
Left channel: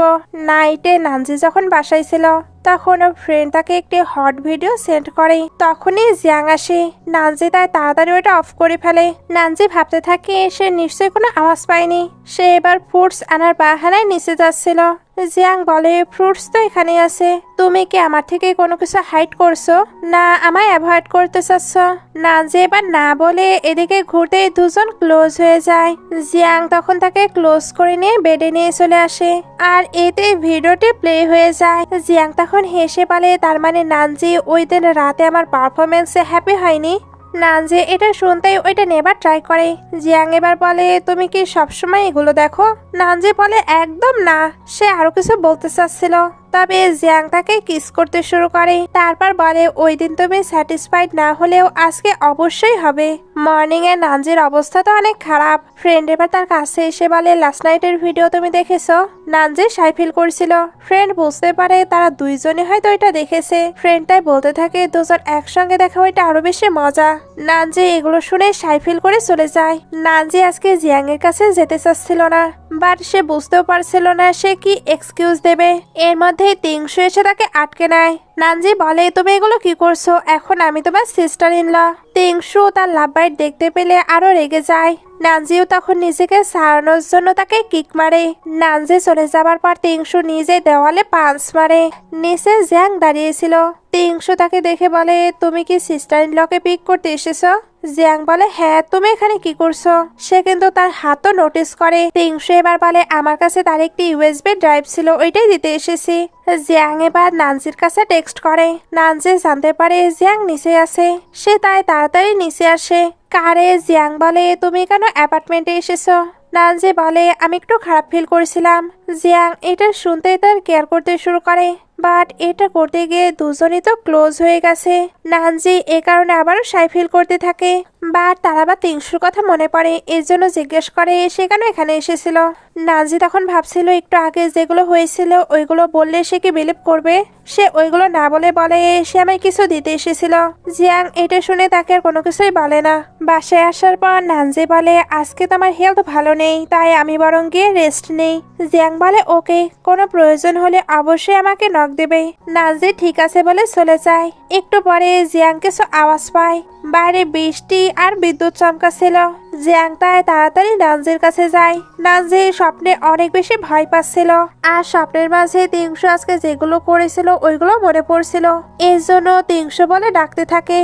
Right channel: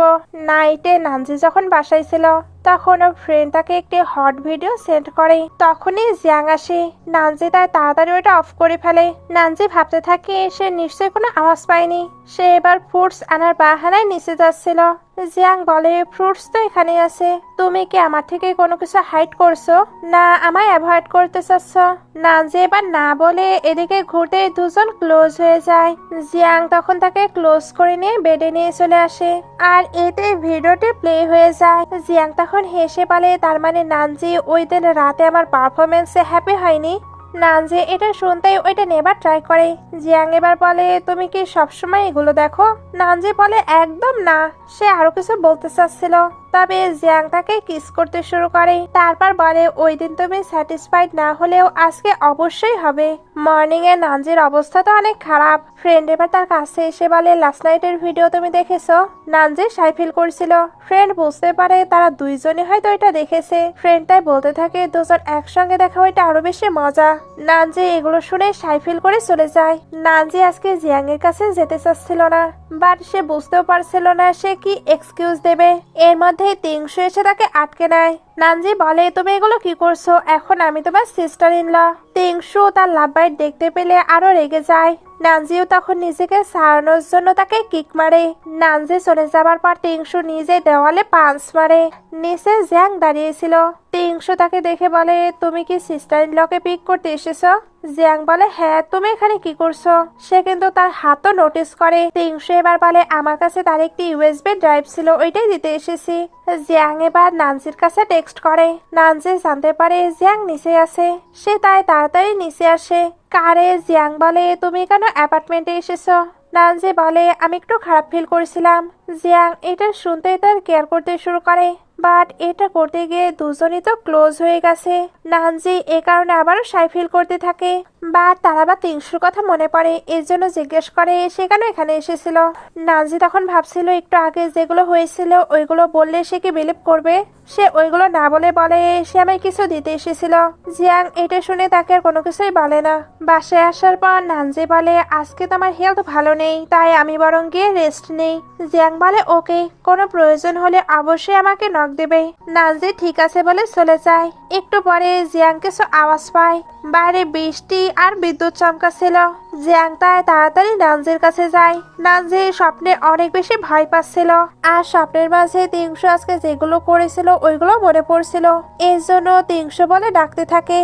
নাইটে নানজি যখন বাসায় ছিল তখন ওর ফ্রেন্ড তাকে একটি হট ভিডিও সেন্ড করে। তখনই জিয়াং আসে। নানজি তাই তাড়াতাড়ি ওটা অফ করে ফেলে। নানজি ভাবতে থাকে সে নিশ্চয়ই কোনো আওয়াজ পায়নি। সে এবার ফুডস আনার বাহানায় নিচে যাচ্ছিল। জিয়াং বলে ফ্রুটস তো এখানে আছে, তুমি কি আমার থেকে কোনো কিছু হাইড করছো, না আমায় অ্যাভয়েড করতে চাচ্ছ? নানজি এবার না বলে এদিকে ঘুরতে দুজন ক্লোজ হয়ে যায়। জিয়াং তখন তাকে ক্লোজ করে নিয়ে বেডে নিয়ে চলে আসে আর এতে ভিডিওটি প্লে হয়ে যায়। জিয়াং তখন হেসে বলে তার মানে নানজি ওই দিন রাতে আমার পারফরমেন্সে হ্যাপি হয়নি। নানজি এটা শুনতেই ওইটা নেবার ট্রাই করে। জিয়াং এবার বলে তুমি কি সবসময় এগুলো দেখো? নানজি বলে একদম না। সে আরো কিছু বলতে চাচ্ছিল, তবে জিয়াং তাকে কিস করতে শুরু করে। তারপর বলে ওই দিন তুমি স্যাটিসফাইড না হলেও আজকে অবশ্যই হবে। মর্নিং এ নানজির অবস্থা তো অনেক খারাপ। ফ্রেন্ড এবার তার কাছে এসে বলে লাস্ট নাইটের ভিডিও তুমি দেখেছো? নানজি সাই ফিল করছিল। ফ্রেন্ড বুঝতে পারে তারা দুইজনে হয়তো এটা দেখেছে। ফ্রেন্ডটাই বলতে থাকে দুজন একসঙ্গে দেখা ওইটা আরো বেশি মজা। নানজি এগুলো শুনে সাই ফিল করে চলে যায়। নানজি আজকে জিয়াং এর কাছে যেতে চাচ্ছিল না, বাট সে বুঝতেও পারছিল না সে কি এক্সকিউজ দেবে। এর মধ্যে তিংশু এসে তাকে আটকে নেয়। নানজি বলে তুমি এগুলো কি করছো? এখন আমি তোমার সিস্টার ইন ল। তিংশু তার লাভ বাইট দেখতে পেলে আরো রেগে যায়। নানজিও তখন নিজেকে সারানোর জন্য তাকে কিক মারে। নানজি চলে যাবার পর তিংশু নিজে দেওয়ালে পাঞ্চ মারে। নিচে জিয়াং দাঁড়িয়েছিল। তিংশু তাকে দেখে বলে তুমি কি সিস্টার ইন লকে পিক করতে এসেছো? জিয়াং বলে হ্যাঁ, তুমি এখানে কি করছো? সে কিন্তু তার হাতও নোটিস করে। তিংশু এবার বলে আমার কাছে তার একটি ইউএসবি ড্রাইভ ছিল, ওইটাই দিতে এসেছি। জিয়াং এবার নানজির কাছে টেক্সট করে। নানজি জানতে পারে জিয়াং নিচে আছে। সে তাই তাড়াতাড়ি নিচে আসে। কারে জিয়াং বলে তুমি কেন অ্যাপার্টমেন্টে এসেছো? নানজি বলে আমি একটু খারাপ ফিল করেছিলাম। জিয়াং এটা শুনতেই তার কেয়ার করতে শুরু করে, বাট এটা করতে গিয়ে দুজনই তো ক্লোজ হয়ে গেছে। নানজি এ কারণে আবারও সাই ফিল করতে থাকে, বাট তার আবার তিংশুর কথা মনে পড়ে। এর জন্য জিজ্ঞেস করে সে কেন এখানে এসেছিল। নানজি তখন ভাবছিল একটু আগে যেগুলো হয়েছিল ওইগুলো বললে সে কি বিলিভ করবে। সে ওইগুলো না বলে সে আমায় কিছু দিতে এসেছিল। জিয়াং এটা শুনে তাকে আর কোনো কিছুই বলে না। বাসায় আসার পর নানজি বলে আজকে তোমার হেলথ ভালো নেই, তাই আমি বরং গিয়ে রেস্ট নেই। জিয়াং বলে ওকে, কোনো প্রয়োজন হলে অবশ্যই আমাকে নক দেবে। নানজি ঠিক আছে বলে চলে যায়। একটু পরে জিয়াং কিছু আওয়াজ পায়। বাইরে বৃষ্টি আর বিদ্যুৎ চমকাচ্ছিল। জিয়াং তাই তাড়াতাড়ি নানজির কাছে যায়। নানজি স্বপ্নে অনেক বেশি ভয় পাচ্ছিল, আর স্বপ্নের মাঝে তিংশু আজকে যেগুলো করেছিল ওইগুলো মনে পড়ছিল। এর জন্য তিংশু বলে ডাকতে থাকে।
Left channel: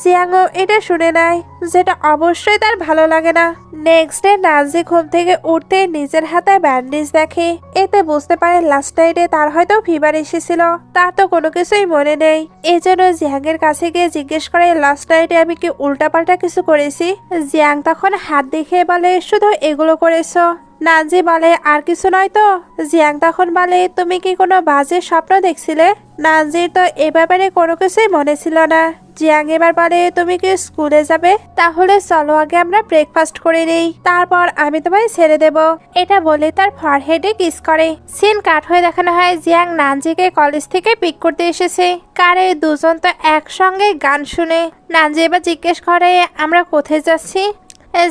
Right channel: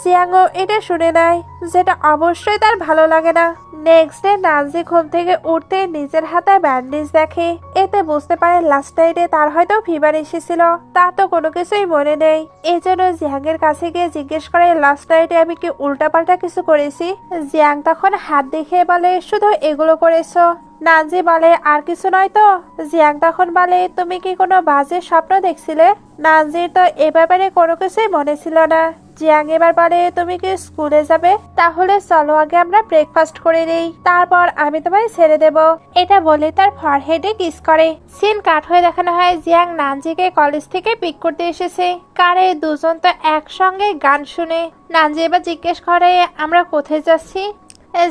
জিয়াংও এটা শুনে নেয়, যেটা অবশ্যই তার ভালো লাগে না। নেক্সট ডে নানজি ঘুম থেকে উঠতে নিজের হাতে ব্যান্ডেজ দেখে। এতে বুঝতে পারে লাস্ট নাইটে তার হয়তো ফিভার এসেছিল। তার তো কোনো কিছুই মনে নেই। এই জন্য জিয়াং এর কাছে গিয়ে জিজ্ঞেস করে লাস্ট নাইটে আমি কি উল্টাপাল্টা কিছু করেছি। জিয়াং তখন হাত দেখে বলে শুধু এগুলো করেছো। নানজি বলে আর কিছু নয় তো। জিয়াং তখন বলে তুমি কি কোনো বাজে স্বপ্ন দেখছিলে? নানজির তো এ ব্যাপারে কোনো কিছুই মনে ছিল না। জিয়াং এবার বলে তুমি কি স্কুলে যাবে? তাহলে চলো আগে আমরা ব্রেকফাস্ট করে নেই, তারপর আমি তোমায় ছেড়ে দেব। এটা বলে তার ফরহেডে কিস করে। সিন কাট হয়ে দেখানো হয় জিয়াং নানজিকে কলেজ থেকে পিক করতে এসেছে। কারে দুজন তো একসঙ্গে গান শুনে। নানজি এবার জিজ্ঞেস করে আমরা কোথায় যাচ্ছি।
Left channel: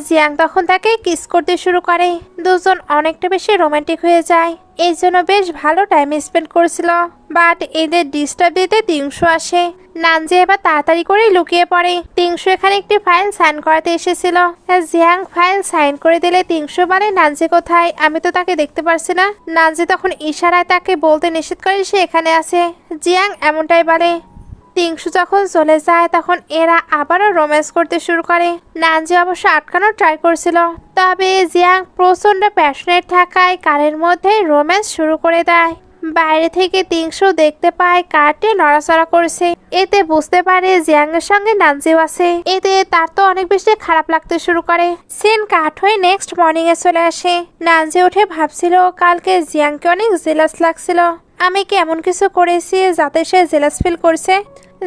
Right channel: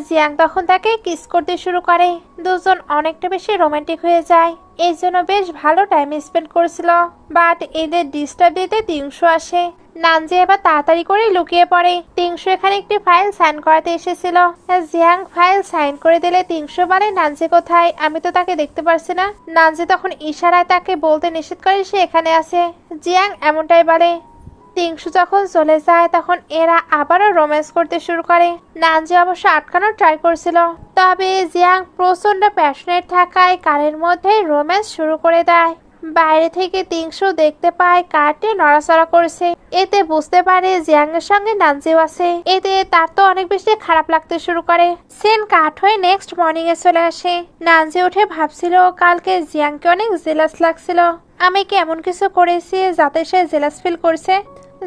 জিয়াং তখন তাকে কিস করতে শুরু করে। দুজন অনেকটা বেশি রোমান্টিক হয়ে যায়। এই জন্য বেশ ভালো টাইম স্পেন্ড করেছিল, বাট এদের ডিস্টার্ব দিতে তিংশু আসে। নানজি এবার তাড়াতাড়ি করে লুকিয়ে পড়ে। তিংশু এখানে একটি ফাইল সাইন করাতে এসেছিল। জিয়াং ফাইল সাইন করে দিলে তিংশু বলে নানজি কোথায়, আমি তো তাকে দেখতে পারছি না। নানজি তখন ইশারায় তাকে বলতে নিষেধ করে সে এখানে আছে। জিয়াং এমনটাই বলে। তিংশু যখন চলে যায় তখন এরা আবারও রোম্যান্স করতে শুরু করে। নানজি অবশ্য আটকানোর ট্রাই করছিল, তবে জিয়াং প্রচন্ড প্যাশনেট থাকায় কারের মধ্যে রোম্যান্স শুরু করে দেয়। বাইরে থেকে তিংশু দেখতে পায় কারটি নড়াচড়া করছে। এতে বুঝতে পারে জিয়াং এর সঙ্গে নানজিও আছে। এতে তার তো অনেক বেশি খারাপ লাগতে শুরু করে। সিন কাট হয়ে নেক্সট মর্নিং এ চলে আসে। নানজি উঠে ভাবছিল কালকে জিয়াংকে অনেক জেলাস লাগছিল। আমি কি এমন কিছু করেছি যাতে সে জেলাস ফিল করছে।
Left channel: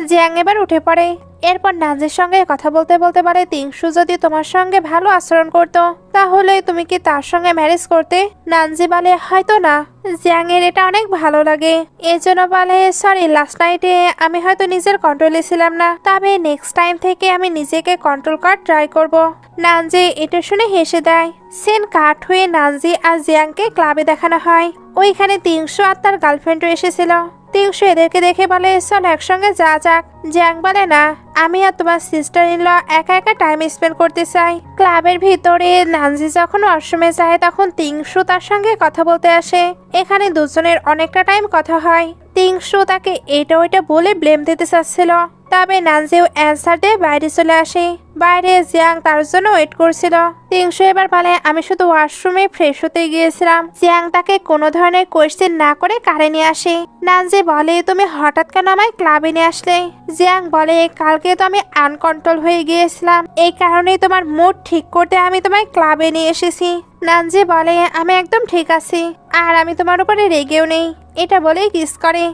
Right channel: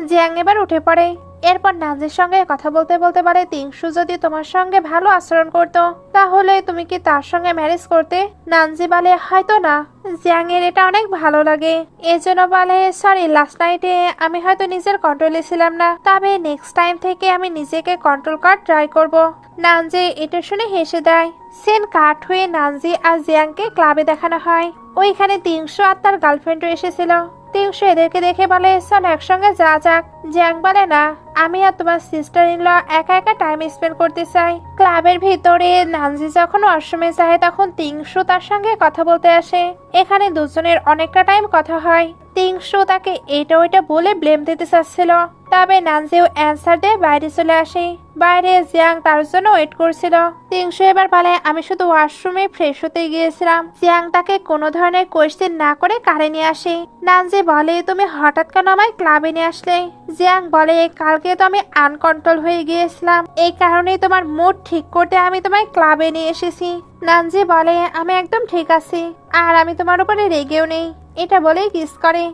জিয়াং এবার উঠে পড়ে। এরপর নানজির সঙ্গে কথা বলতে বলতে বলে তিংশু যদি তোমার সঙ্গে ভালো আচরণ করতো তাহলে তুমি কি তার সঙ্গে ম্যারেজ করতে। নানজি বলে হয়তো না। জিয়াং এর এটা অনেক ভালো লাগে, এই জন্য বলে সরি লাস্ট নাইটে আমি হয়তো নিজের কন্ট্রোলে ছিলাম না, তবে নেক্সট টাইম থেকে আমি নিজেকে কন্ট্রোল করার ট্রাই করব। নানজি এটা শুনে হেসে দেয়। সিন কাট হয়ে নানজি আর জিয়াংকে ক্লাবে দেখানো হয়। ওইখানে তিংশু আর তার গার্লফ্রেন্ডও এসেছিল। টিংশু এদেরকে দেখে বলে চল একসঙ্গে যা যাক। জিয়াং বলে না, আমি আর তোমার সিস্টার ইন ল একা একা টাইম স্পেন্ড করতে চাই। ক্লাবের ভিতরে নানজি যখন ওয়াশরুমে যায় তখন টিংশু তার সঙ্গে কথা বলতে আসে। এখানে দুজনের অনেকটা টাইম কথা হয়। টিংশু তাকে এটা ওইটা বলে ব্লেম দিতে চাচ্ছিল, তবে নানজিও অ্যান্সার দিয়ে বাইরে চলে আসে। বাইরে জিয়াং তার জন্য ওয়েট করছিল। টিংশু এবার বলে আমি শুধু ওয়াশরুমে ফ্রেশ হতে গিয়েছিলাম। জিয়াং তাকে কোনো ধরনের কোয়েশ্চেন না করে কারে নিয়ে আসে। নানজি বলে তুমি হঠাৎ কেন আমায় ক্লাবে নিয়ে আসলে? জিয়াং বলে কালকে তো আমি আনকন্ট্রোল হয়ে গিয়েছিলাম, এই কারণেই তোমার মুড ঠিক করতে আমি তোমায় ক্লাবে নিয়ে এসেছি। নানজি বলে আমি একদম ঠিক আছি, আর আমি তোমার উপরে রেগেও নেই। এটা বলেই কিস করে।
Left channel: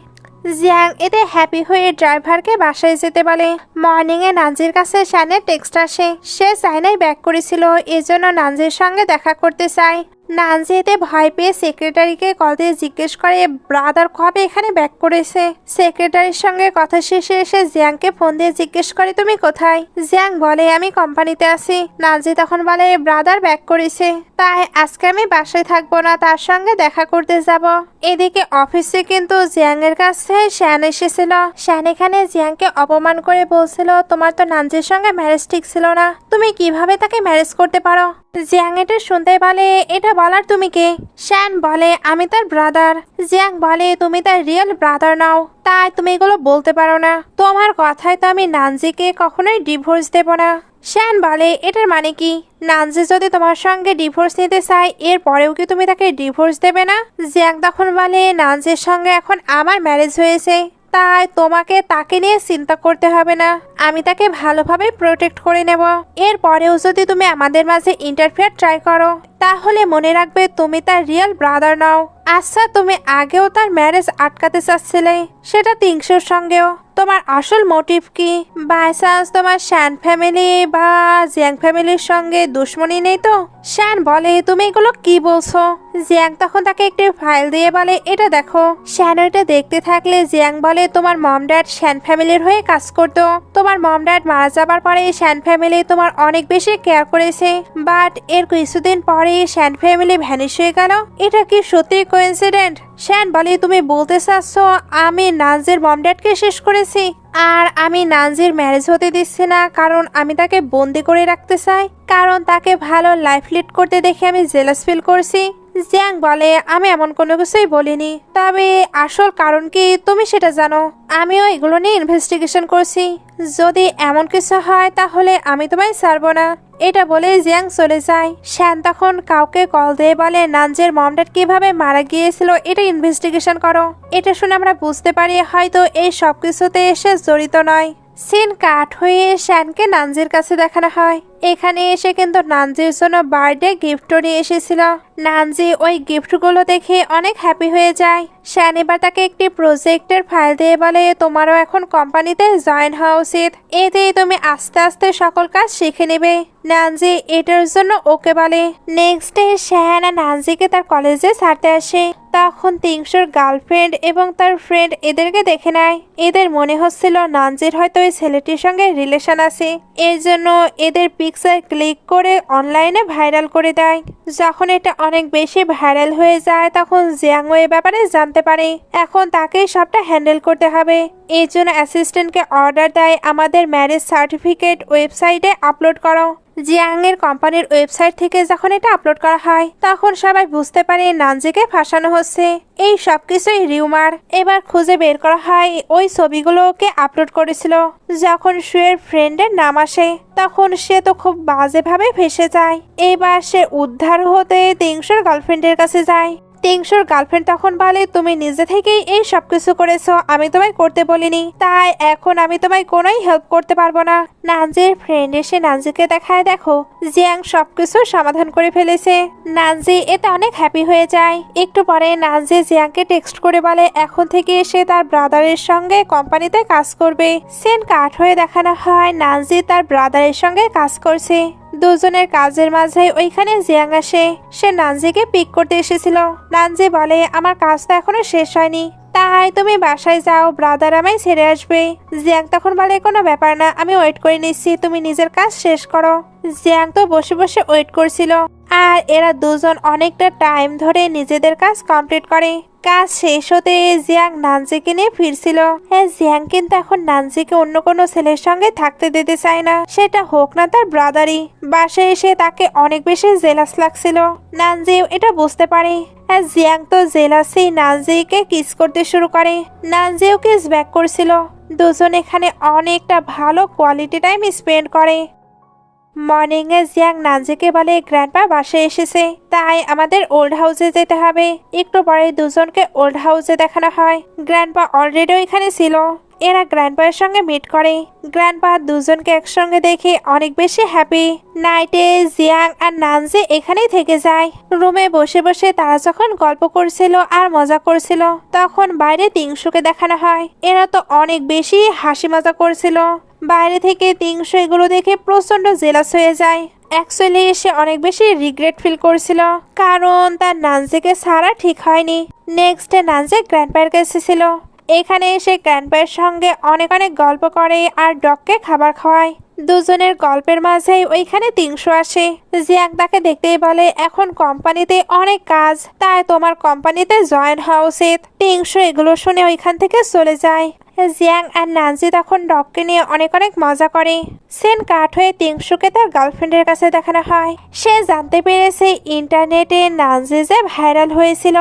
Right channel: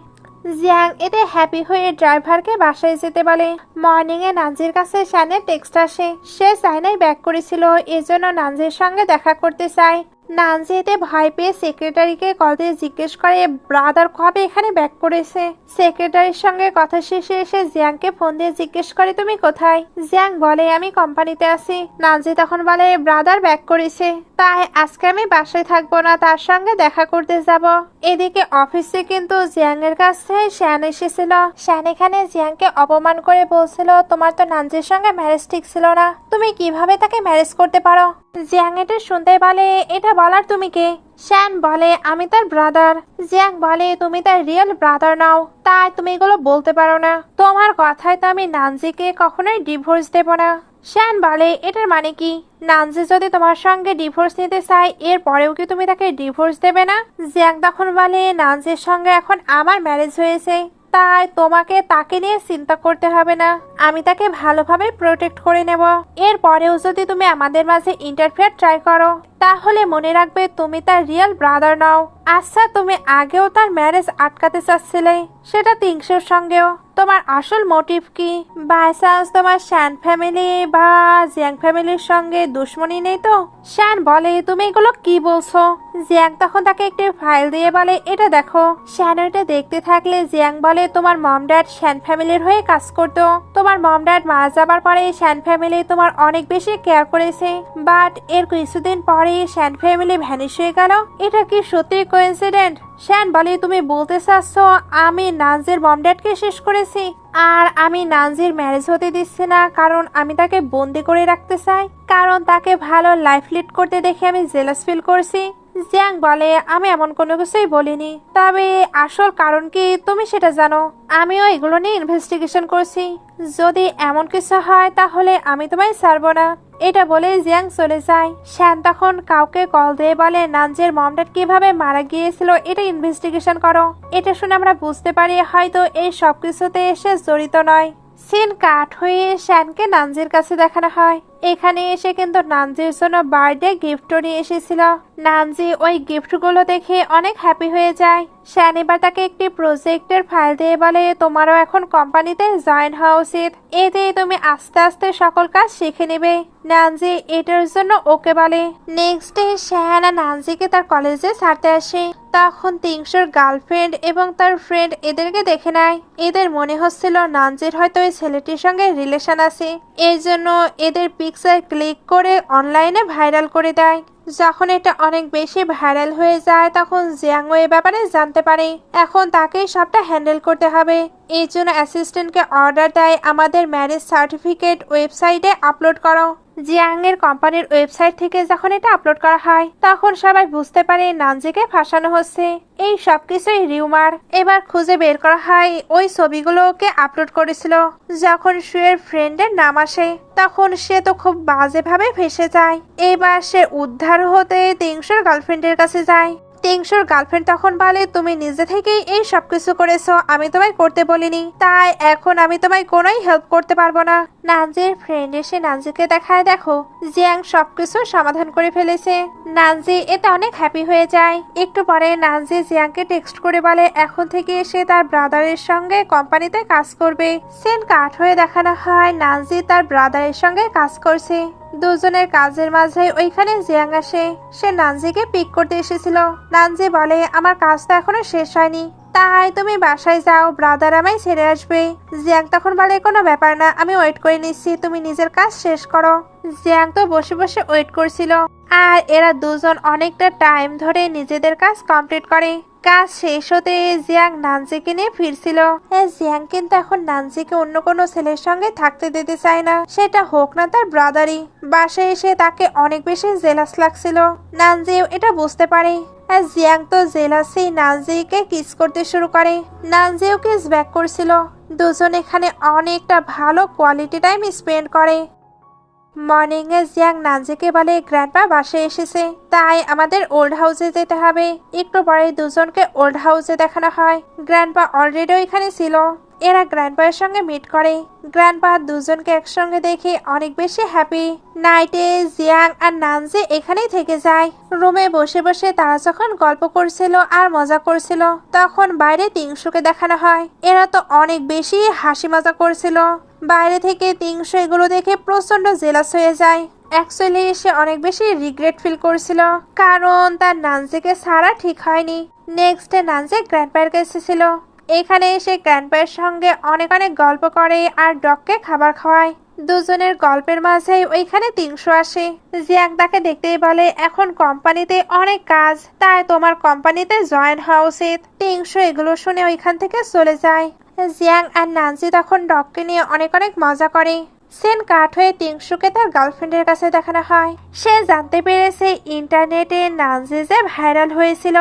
জিয়াং এতে হ্যাপি হয়ে ড্রাইভারকে বাসায় যেতে বলে। মর্নিংয়ে নানজির কাছে শানের টেক্সট আসে। সে চায়নায় ব্যাক করেছিল, এজন্য নানজির সঙ্গে দেখা করতে চায়। নানজি এতে ভয় পেয়ে সেক্রেটারিকে কল দিয়ে জিজ্ঞেস করে ব্রাদার কবে এখানে ব্যাক করেছে। সেক্রেটারির সঙ্গে কথা শেষে এসে জিয়াংকে ফোন দিয়ে জিজ্ঞেস করে তুমি কোথায়? জিয়াং বলে আমি কোম্পানিতে আছি। নানজি তখন বলে ব্রাদার ব্যাক করেছে, তাই আজকে আমি বাসায় থাকবো না, তার সঙ্গে দেখা করতে যাব। এদিকে অফিসে কিন্তু জিয়াং এর কাছে শ্যান এসেছিল। শ্যান এখানে জিয়াংকে অপমান করে বলছিল তোমার তো নানজির সঙ্গে ম্যারেজ ঠিক ছিল না, তুমি কিভাবে তাকে ম্যারেজ করতে পারো? জিয়াং এটা শুনতে বলে এটা বলার তুমি কে? শ্যান বলে আমি তার ব্রাদার। জিয়াং বলে তুমি তার রিয়েল ব্রাদার নাও, তাই তুমি এগুলো বলতে পারো না। তোমার কথায় তো আমি নানজিকে কখনোই ডিভোর্স দেব না। শ্যান বলে এটার মানে কি? নানজি যদি তোমার সঙ্গে ডিভোর্স নিতে চায় এর পরেও কি তুমি তাকে ডিভোর্স দেবে না? জিয়াং তখন বলে নানজির সঙ্গে এখন আমার ম্যারেজ হয়েছে, তাই তোমাকে তাকে নিয়ে চিন্তা করতে হবে না, আমি তাকে ভালোভাবে প্রোটেক্ট করে নেব। এর পরেও যদি তুমি আমাদের মাঝে ইন্টারফেয়ার ট্রাই করো তাহলে মনে রাখবে তুমি তার রিয়েল ব্রাদার নাও। আচ্ছা তুমি আগেও তার ম্যারেজ আটকাতে চাচ্ছিলে, সেটা টিংশুর সঙ্গেও। তোমার আসল মোটিভ কি? বাই চান্স তোমার শ্যান ফ্যামিলি বা জিয়াং ফ্যামিলির সঙ্গে দুশ্মনী নেই তো? শ্যান বলে তুমি এগুলো কি বলছো? জিয়াং তখন তাকে একটি ফাইল দিয়ে বলে এটা দেখো। শ্যান এটা দেখতে থাকলে জিয়াং বলে তোমার মম ড্যাড শ্যান ফ্যামিলির হয়ে কাজ করতো। তোমার মম ড্যাড মারা যাবার পরে শ্যান ফ্যামিলি তোমার অনেক বেশি কেয়ার করেছে, বাট এর কিছুদিন পরে শ্যান ফ্যামিলি ভ্যানিশ হয়ে গেল। এটা কি সত্যি কোইন্সিডেন্ট? শ্যান বলে তুমি বলতে চাচ্ছ আমি নানজির মম ড্যাডকে শেষ করেছি, আর আমি নানজির ম্যারেজ হতে দিচ্ছি না কারণ আমি তাকে বন্দি করে রাখতে চাই, কারণ তাকে ভালো লাইফ লিড করতে দেখে আমি জেলাস ফিল করছি। জিয়াং বলে আমি এমন কোনো কিছুই বলিনি, তবে আসল কারণ কি তুমি সেটা জানো। আমিও এগুলো নিয়ে ইনভেস্টিগেশন করছি, যদি এমন কিছু হয় তাহলে আমি তোমায় ছাড়বো না। এটা বলে জিয়াং চলে যায়। শ্যান তখন কাউকে কল দিয়ে বলে নানজির মম ড্যাড কিভাবে মারা গিয়েছিল এটা ইনভেস্টিগেশন করো। এটা শুনে আমরা বুঝতে পারি হয়তো এই সব কিছুতে এসে জড়িত নয়। সিন কাট হয়ে শ্যানকে নানজির কাছে দেখানো হয়। এখানে এসে কিন্তু নানজির জন্য বার্থডে গিফটও নিয়ে এসেছিল। নানজি ওই গিফটগুলো দেখে অনেক হ্যাপি হয়ে যায়। শ্যান এবার তাকে একটি প্রজেক্টের ফাইল দিয়ে বলে তোমারও এখন কোম্পানিতে জয়েন হওয়া উচিত, এতে তুমি আস্তে আস্তে সকল কাজ শিখে নেবে। নানজি এটার জন্য ওকে বলে। নেক্সট ডে শ্যান আর নানজিকে তার কলেজে ছাড়তে আসে। তখন টিংশুর গার্লফ্রেন্ড এবং তার ফ্রেন্ড এদেরকে দেখে নেয়। এদের মনে হচ্ছিল নানজির হয়তো ওই ছেলেটির সঙ্গে রিলেশন আছে, এর জন্য এদের পিকচার ক্লিক করে অনলাইনে ভাইরাল করে দেয়। যখন এটা অনেক বেশি ভাইরাল হয়ে যায় তখন জিয়াংও এ ব্যাপারে জানতে পারে। এখন তাকেই সবটা হ্যান্ডেল করতে হবে। এই জন্য অ্যাসিস্ট্যান্টকে অর্ডার দেয় আমাদের ম্যারেজ সার্টিফিকেট ওয়েবসাইটে আপলোড করো। জিয়াং এর কোম্পানির ওয়েবসাইট থেকে যখন এটা আপলোড করা হয় তখন সবাই বুঝতে পারে নানজিকে ফাঁসানো হচ্ছে। এই সবকিছুই রিউমার। এবার খুঁজে বের করা হয় ওই ছবিগুলোকে আপলোড করেছিল। যখন শুয়ের ফ্রেন্ডের নাম আসে তখন সে তো খুব বাজেভাবে ফেসে যায়। এবার সে উদ্ধার হতে টিংশুর গার্লফ্রেন্ডের কাছে যায়। টিংশুর গার্লফ্রেন্ড তখন বলে তুমি নিজে থেকেই এই সবকিছু করেছো, আমি তোমায় করতে বলিনি, তাই এখন আমি তোমায় কোনোই হেল্প করতে পারবো না। নানজির ফ্রেন্ড এসে নানজিকে দেখায় দেখো জিয়াং সবকিছু সমাধান করে ফেলেছে। নানজি এতে অনেক হ্যাপি হয়ে যায়। একটু পরে নানজি জিয়াংকে টেক্সট করে বলে এখন থেকে সে তার ব্রাদারের সঙ্গে কোম্পানিতে কাজ করবে। সিন কাট হয়ে দেখানো হয় নানজি তার ব্রাদারের সঙ্গে কাজ করছে। দুজনের কাজের মাঝে ওইখানে জিয়াং আসে। সে নানজিকে পিক করতে এসেছিল। নানজি বলে আমার কাজ তো এখনো শেষ হয়নি, তাই তুমি বাসায় যাও, ব্রাদার আমায় ছেড়ে আসবে। জিয়াং তখন বলে কোনো ব্যাপার না, আমি ওয়েট করে নিচ্ছি, তুমি নিজের কাজ শেষ করো। জিয়াং তো বসে বসে ওয়েট করছিল আর এরা দুজন অনেকটা টাইম ধরে নিজেদের কাজ কমপ্লিট করে। কাজ শেষ হতে জিয়াং নানজিকে নিয়ে ফিরছিল। জিয়াং কিন্তু এখন নানজিকে অন্য কোনো ছেলের সঙ্গে থাকতে দিতে চায় না, সেটা হোক না তার ব্রাদারই। বাসায় এসে তাকে অনেক বেশি জেলাস লাগছিল। নানজিও এটা বুঝতে পারে। জিয়াং তো জেলাসি নানজিকে কিস করতে শুরু করে। নানজিও কিস ব্যাক করছিল। দুজন এখানে অনেকটা ভালো কোয়ালিটি টাইম স্পেন্ড করে। মর্নিং এ জিয়াং নানজিকে বলে গ্র্যান্ডপা বাসায় এসেছে, তাই আমাদের ওল্ড হাউসে যেতে হবে। একটু পরে দুজনকে ওল্ড হাউসে দেখানো হয়। গ্র্যান্ডপা অলরেডি এখানে ছিল। এরা গ্র্যান্ডপায়ের সঙ্গে মিট করে। গ্র্যান্ডপা দুজনকে একসঙ্গে দেখে অনেক বেশি হ্যাপি। নাইটে জিয়াং আর নানজি এখানেই থেকে যায়। রুমে বসে বসে তারা যখন গল্প করছিল আর মজা করছিল, তখন বাইরে তিংশুকে দেখানো হয়। এরা তো অনেক বেশি হাসি মজা করছিল। বাইরে থেকে তিংশু এগুলো দেখে প্রচন্ড জেলাস হয়ে যায়। অ্যাকচুয়ালি সে অনেক বেশি রিগ্রেট ফিল করছিল, কারণ তার নানজিকে ছাড়া ঠিক হয়নি। নেক্সট ডে নানজি গ্র্যান্ডপায়ের কাছে ছিল। এখানে এসে গ্র্যান্ডপায়ের সঙ্গে অনেক অনেক গল্প করে আর ডগকে খাবার খাওয়ায়। দুজনের গল্পের মাঝেই ওইখানে তিংশু আসে। জিয়াং তাকে দেখতেই বলে এখন কোম্পানিতে অনেক কাজ, তাই তোমার কোম্পানিতে জয়েন হওয়া উচিত। তিংশু এগুলো শুনে ওইখান থেকে চলে যায়। জিয়াং আর নানজি তখন ডগকে নিয়ে অনেক অনেক মজা করে। সেন কাট হয়ে তিংশুকে তার গার্লফ্রেন্ডের কাছে দেখানো হয়। সে জানতে পেরেছে ইন্টারনেটে নানজি যে ভাইরাল হয়েছিল,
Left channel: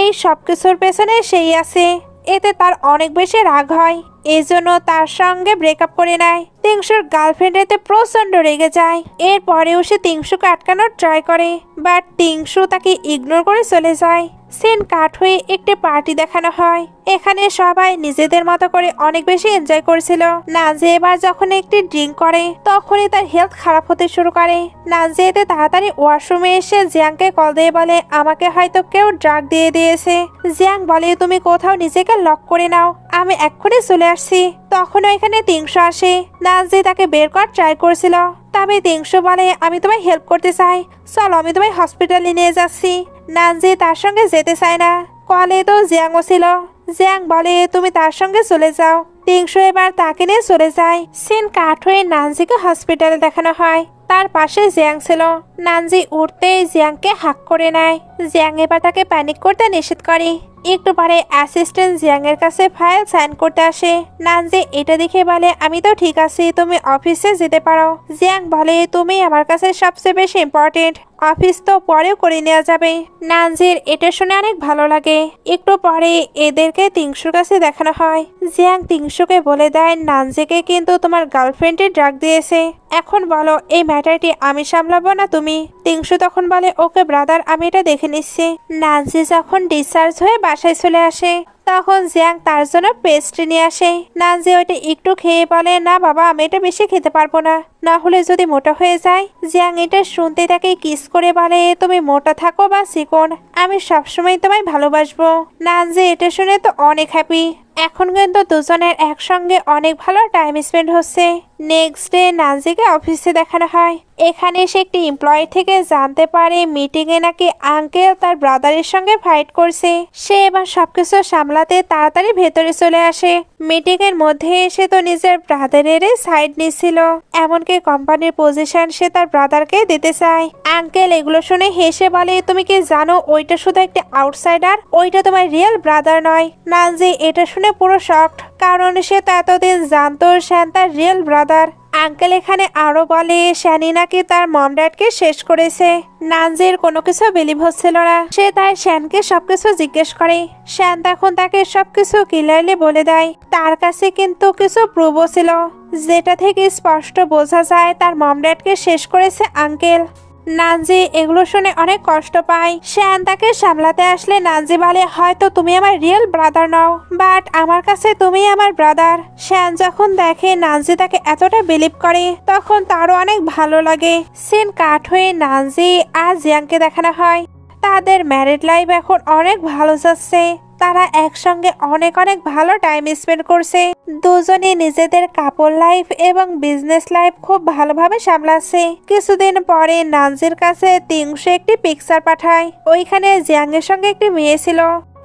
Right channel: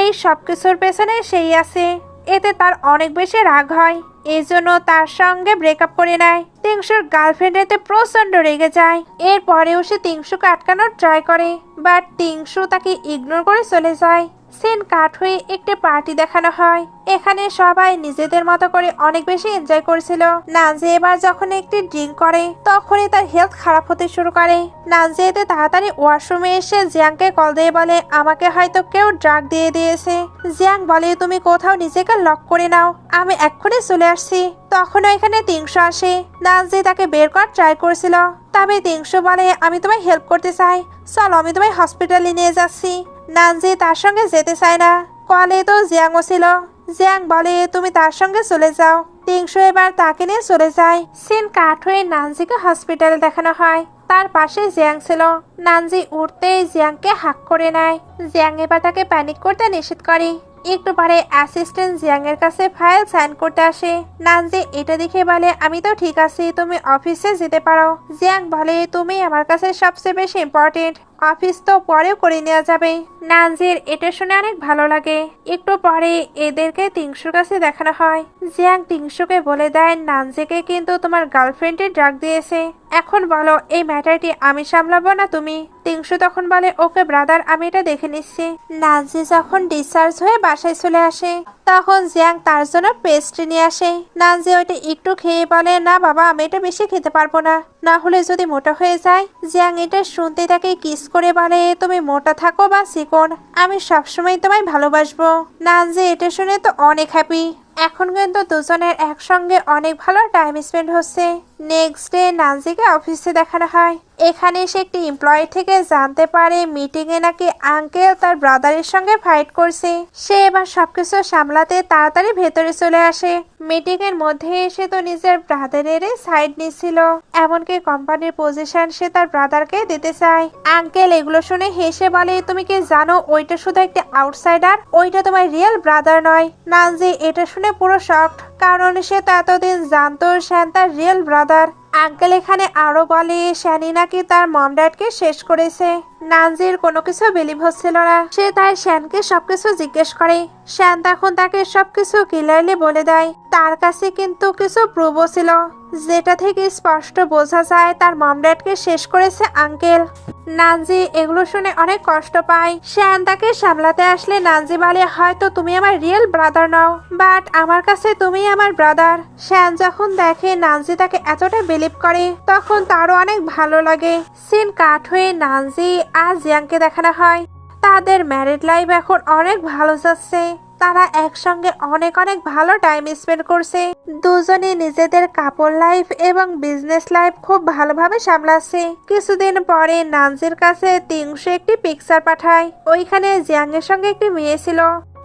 এই সবকিছুর পেছনে সেই আছে। এতে তার অনেক বেশি রাগ হয়, এই জন্য তার সঙ্গে ব্রেকআপ করে নেয়। তিংশুর গার্লফ্রেন্ড এতে প্রচন্ড রেগে যায়। এরপরেও সে তিংশুকে আটকানোর ট্রাই করে, বাট তিংশু তাকে ইগনোর করে চলে যায়। সিন কাট হয়ে একটি পার্টি দেখানো হয়। এখানে সবাই নিজেদের মতো করে অনেক বেশি এনজয় করছিল। নানজি এবার যখন একটি ড্রিঙ্ক করে, তখনই তার হেলথ খারাপ হতে শুরু করে। নানজি এতে তাড়াতাড়ি ওয়াশরুমে এসে জিয়াংকে কল দিয়ে বলে আমাকে হয়তো কেউ ড্রাগ দিয়ে দিয়েছে। জিয়াং বলে তুমি কোথাও নিজেকে লক করে নাও, আমি এক্ষুনি চলে আসছি। তখন এখানে তিংশু আসে। নানজি তাকে বের করার ট্রাই করছিল, তবে তিংশু বলে আমি তোমায় হেল্প করতে চাই, চলো আমি তোমায় হসপিটালে নিয়ে যাচ্ছি। নানজি তার সঙ্গে যেতে চায় না। কলে তো জিয়াংও ছিল। জিয়াং বলে তুমি তার সঙ্গে চলে যাও। তিংশু এবার তাকে নিয়ে চলে যায়। সিন কাট হয়ে নানজিকে হসপিটালে দেখানো হয়। তার পাশে জিয়াং ছিল। নানজি উঠতেই জিয়াংকে হাক করে নেয়। জিয়াং এবার তাকে প্যানিক করতে নিষেধ করে। একটু পরে অ্যাসিস্ট্যান্ট জিয়াং এর কাছে ফাইল সাইন করতে আসে। নানজি এটা দেখে বলে আমি তো ঠিক আছি, তুমি অফিসে যেতে পারো। জিয়াং বলে তুমি আমার কাছে সবচেয়ে বেশি ইম্পর্টেন্ট, অফিস তো পরেও করে নেওয়া যাবে। নানজির এটা শুনে অনেক ভালো লাগে। একটু পরে এদেরকে তিংশুর কাছে দেখানো হয়। জিয়াং তিংশুকে বলে দেয় নানজিকে কিন্তু তোমার গার্লফ্রেন্ডে ড্রাগ দিয়েছে, এখন বলো এই ম্যাটারটি আমি সামলাবো না তুমি। তিংশু তখন বলে ওকে ব্রাদার, আমি এটা দেখে নিচ্ছি। নানজি যখন ডিসচার্জ হয়ে বাসায় চলে আসে, তখন জিয়াং তার জন্য পেস্ট্রি নিয়ে আসে। নানজি ওইটা একটু খেয়ে বলে না বাবা, আমি এটা বেশি খেতে পারবো না, না হলে যদি মোটা হয়ে যায়। জিয়াং এটা শুনতে তাকে কিস করে বলে তুমি মোটা থাকো বা চিকন, আমি সবসময় তোমায় ভালোবাসবো। নানজি এটা শুনে তো অনেক হ্যাপি। এখন কিন্তু দুজনের একসঙ্গে অনেক ভালো টাইম স্পেন্ড হচ্ছে। নেক্সট ডে নানজিকে অফিসে দেখানো হয়। এখানে সে একটি এমপ্লয়ি থেকে জানতে পারে মিটিং এ নাকি আঙ্কেল তার ব্রাদারের সঙ্গে ফাইট করছে। সে এবার সবকিছু সামলাতে তাড়াতাড়ি ভেতরে চলে আসে। মিটিং এর মধ্যে এসে তো নিজের ব্রাদারের সাইড নিচ্ছিল, এমনকি কোম্পানির পজিশন সে তার ব্রাদারকে দিতে চায়। আঙ্কেল এগুলো শুনে হেসে বলে তুমি কি জানো ওইটা শুধু একটা আউটসাইডার, ওইটা তোমার রিয়েল ব্রাদার নয়। নানজি এটা শুনে পুরো শকড, কারণ সে তো এতদিন জানতো শ্যান তার রিয়েল ব্রাদার। আঙ্কেল এখানে আরো বলে শ্যানি নাকি তার মম ড্যাডকে শেষ করেছে। নানজির কোনো কিছু বিলিভ হচ্ছিল না। সে তাই শ্যানকে সবকিছু জিজ্ঞেস করে। শ্যান তখন তাকে সবকিছু ক্লিয়ারলি বলে দেয়। তার কাছে কিন্তু কিছু প্রুফও ছিল, যেটা থেকে স্পষ্ট বোঝা যায় তার মম ড্যাডকে শেষ করেছে আঙ্কেল। নানজি এগুলো শুনে অনেক কষ্ট পায়। শ্যান তাকে সামলাতে আসলে নানজি বলে হয়তো তুমি আমার রিয়েল ব্রাদার নও, বাট আমার কাছে তুমি আমার ব্রাদার। শ্যান যখন দেখে নানজি তাকে এতটা বিলিভ করে, তখন তারও অনেক ভালো লাগে। সিন কাট হয়ে নানজি আর জিয়াংকে দেখানো হয়। তাদের ম্যারিড লাইফ এখন অনেক ভালো যাচ্ছে। তারা একসঙ্গে অনেক অনেক ভালো টাইম স্পেন্ড করছে। দুজনে নিজেদের কাপল লাইফ এবং বিজনেস লাইফ খুব ভালোভাবে সামলাচ্ছে। কিছুদিন পরে নানজির কাছে তিংশু একটি পিকচার পাঠায়। ওইখানে জিয়াং এর সঙ্গে একটি মেয়ে ছিল।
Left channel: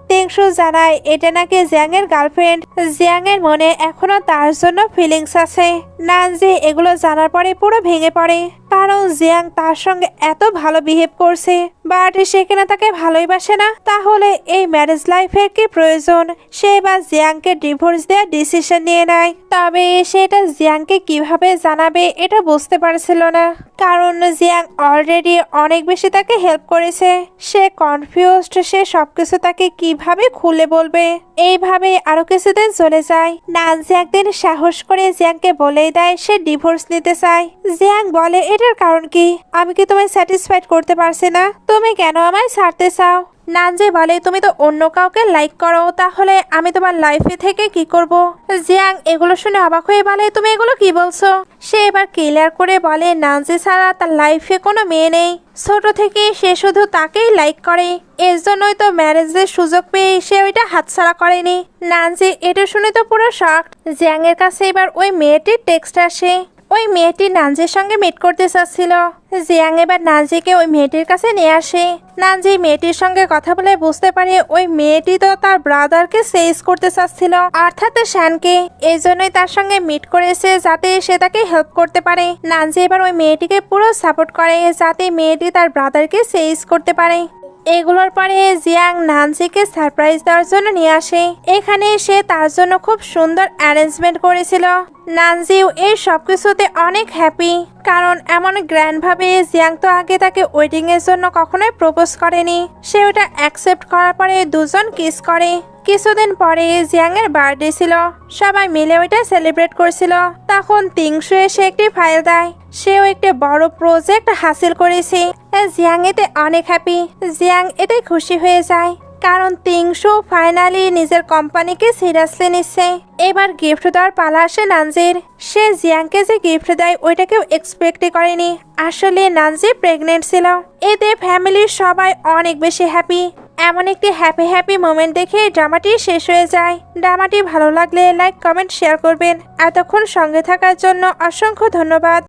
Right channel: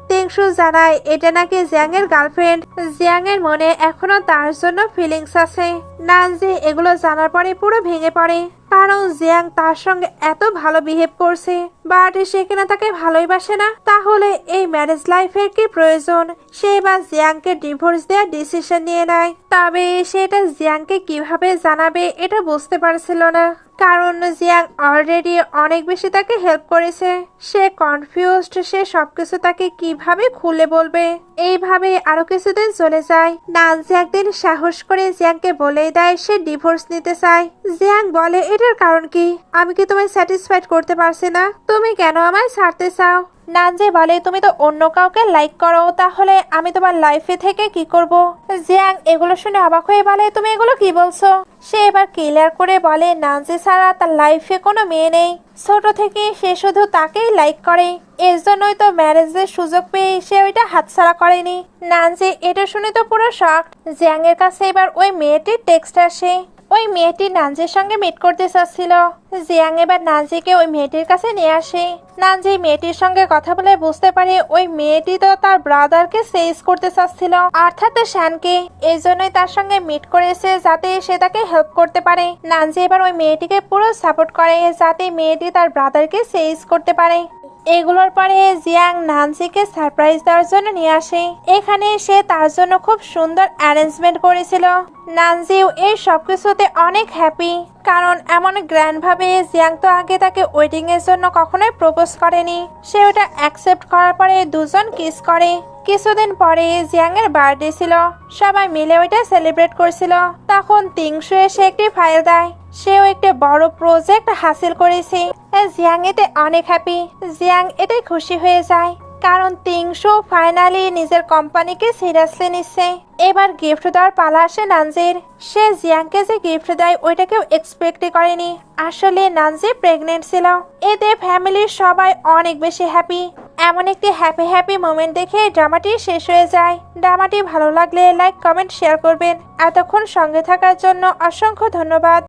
টিংশু জানায় এটা নাকি জিয়াং এর গার্লফ্রেন্ড। জিয়াং এর মনে এখনো তার জন্য ফিলিংস আছে। নানজি এগুলো জানার পরে পুরো ভেঙে পড়ে, কারণ জিয়াং তার সঙ্গে এত ভালো বিহেভ করছে, বাট সে কিনা তাকে ভালোই বাসে না। তাহলে এই ম্যারেজ লাইফের কি প্রয়োজন? সে বা জিয়াংকে ডিভোর্স দেওয়ার ডিসিশন নিয়ে নেয়। তবে সেটা জিয়াংকে কিভাবে জানাবে এটা বুঝতে পারছিল না, কারণ জিয়াং অলরেডি অনেক বেশি তাকে হেল্প করেছে। সে কনফিউজড, সে সবকিছু তাকে কিভাবে খুলে বলবে। এইভাবে আরো কিছুদিন চলে যায়। নানজি একদিন সাহস করে জিয়াংকে বলেই দেয় সে ডিভোর্স নিতে চায়। জিয়াং বলে এটার কারণ কি? আমি কি তোমায় স্যাটিসফাইড করতে পারছি না? তুমি কেন আমায় ছাড়তে চাও? নানজি বলে তুমি তো অন্য কাউকে লাইক করো, তাহলে আমি তোমার লাইফে থেকে কি করব? জিয়াং এগুলো শুনে অবাক হয়ে বলে তুমি এগুলো কি বলছো? সে এবার ক্লিয়ার করে বলে নানজি ছাড়া তার লাইফে কোনো মেয়ে নেই। ছোট থেকে সে শুধু তাকেই লাইক করে, এর জন্যই তো ম্যারেজের সুযোগ পেয়ে সে ওইটা হাতছাড়া করেনি। নানজি এটা শুনে তো পুরো শক। জিয়াং এর কাছে এবার ওই মেয়েটির টেক্সট আসে। ওই মেয়েটি নানজির সঙ্গে মিট করতে চাচ্ছিল। জিয়াং এবার নানজিকে ওই মেয়েটির কাছে নিয়ে আসে। নানজি মেয়েটির সঙ্গে কথা বলে বুঝতে পারে ওই মেয়েটি তো তার ব্রাদারকে সেজ করতে চাচ্ছিল, অর্থাৎ শানকে। এই জন্যই তার সঙ্গে মিট করেছে যাতে সে তাকে হেল্প করতে পারে। নানজি এবার ওই মেয়েটিকে পুরো সাপোর্ট করে যাতে মেয়েটি তার ব্রাদারকে সেজ করতে পারে। এগুলোর পরে জিয়াং নানজিকে সারপ্রাইজ দেওয়ার জন্য নিয়ে আসে। এখানে সে তার জন্য খুব সুন্দর অ্যারেঞ্জমেন্ট করেছিল। নানজিও এই সবকিছুতে অনেক হ্যাপি, কারণ এমন গ্র্যান্ড ভাবে জিয়াং তো আগে তাকে ওয়েডিং এর জন্য কখনোই প্রপোজ করেনি। সে ওটা অ্যাকসেপ্ট করার পরে দুজন কিস করে। কিছুদিন পরে জিয়াং এর বার্থডে ছিল, সবাই মিলে ওইটা সেলিব্রেট করছিল। তখন টিংশু এসে একটি ফাইল দেয়। সেও একটি বড় প্রজেক্ট হাসিল করেছে। জিয়াং এতে অনেক হ্যাপি। জিয়াং এতে খুশি হয়ে যায়, কারণ টিংশু ফাইনালি নিজের কোম্পানিকে সিরিয়াসলি নিচ্ছে। এবার গিফট দেওয়ার পালা আসে নানজির। সে জিয়াংকে যে গিফট দেয় ওইটা কেউ এক্সপেক্টই করেনি। আসলে নানজি প্রেগনেন্ট ছিল। এতে ফ্যামিলির সবাই অনেক বেশি হ্যাপি। এমন একটি হ্যাপি মোমেন্ট দেখে ড্রামাটি শেষ হয়ে যায়। ড্রামাটি ভালো লাগলে লাইক, কমেন্ট, শেয়ার করবেন। এতক্ষণ সঙ্গে থাকার জন্য অসংখ্য ধন্যবাদ।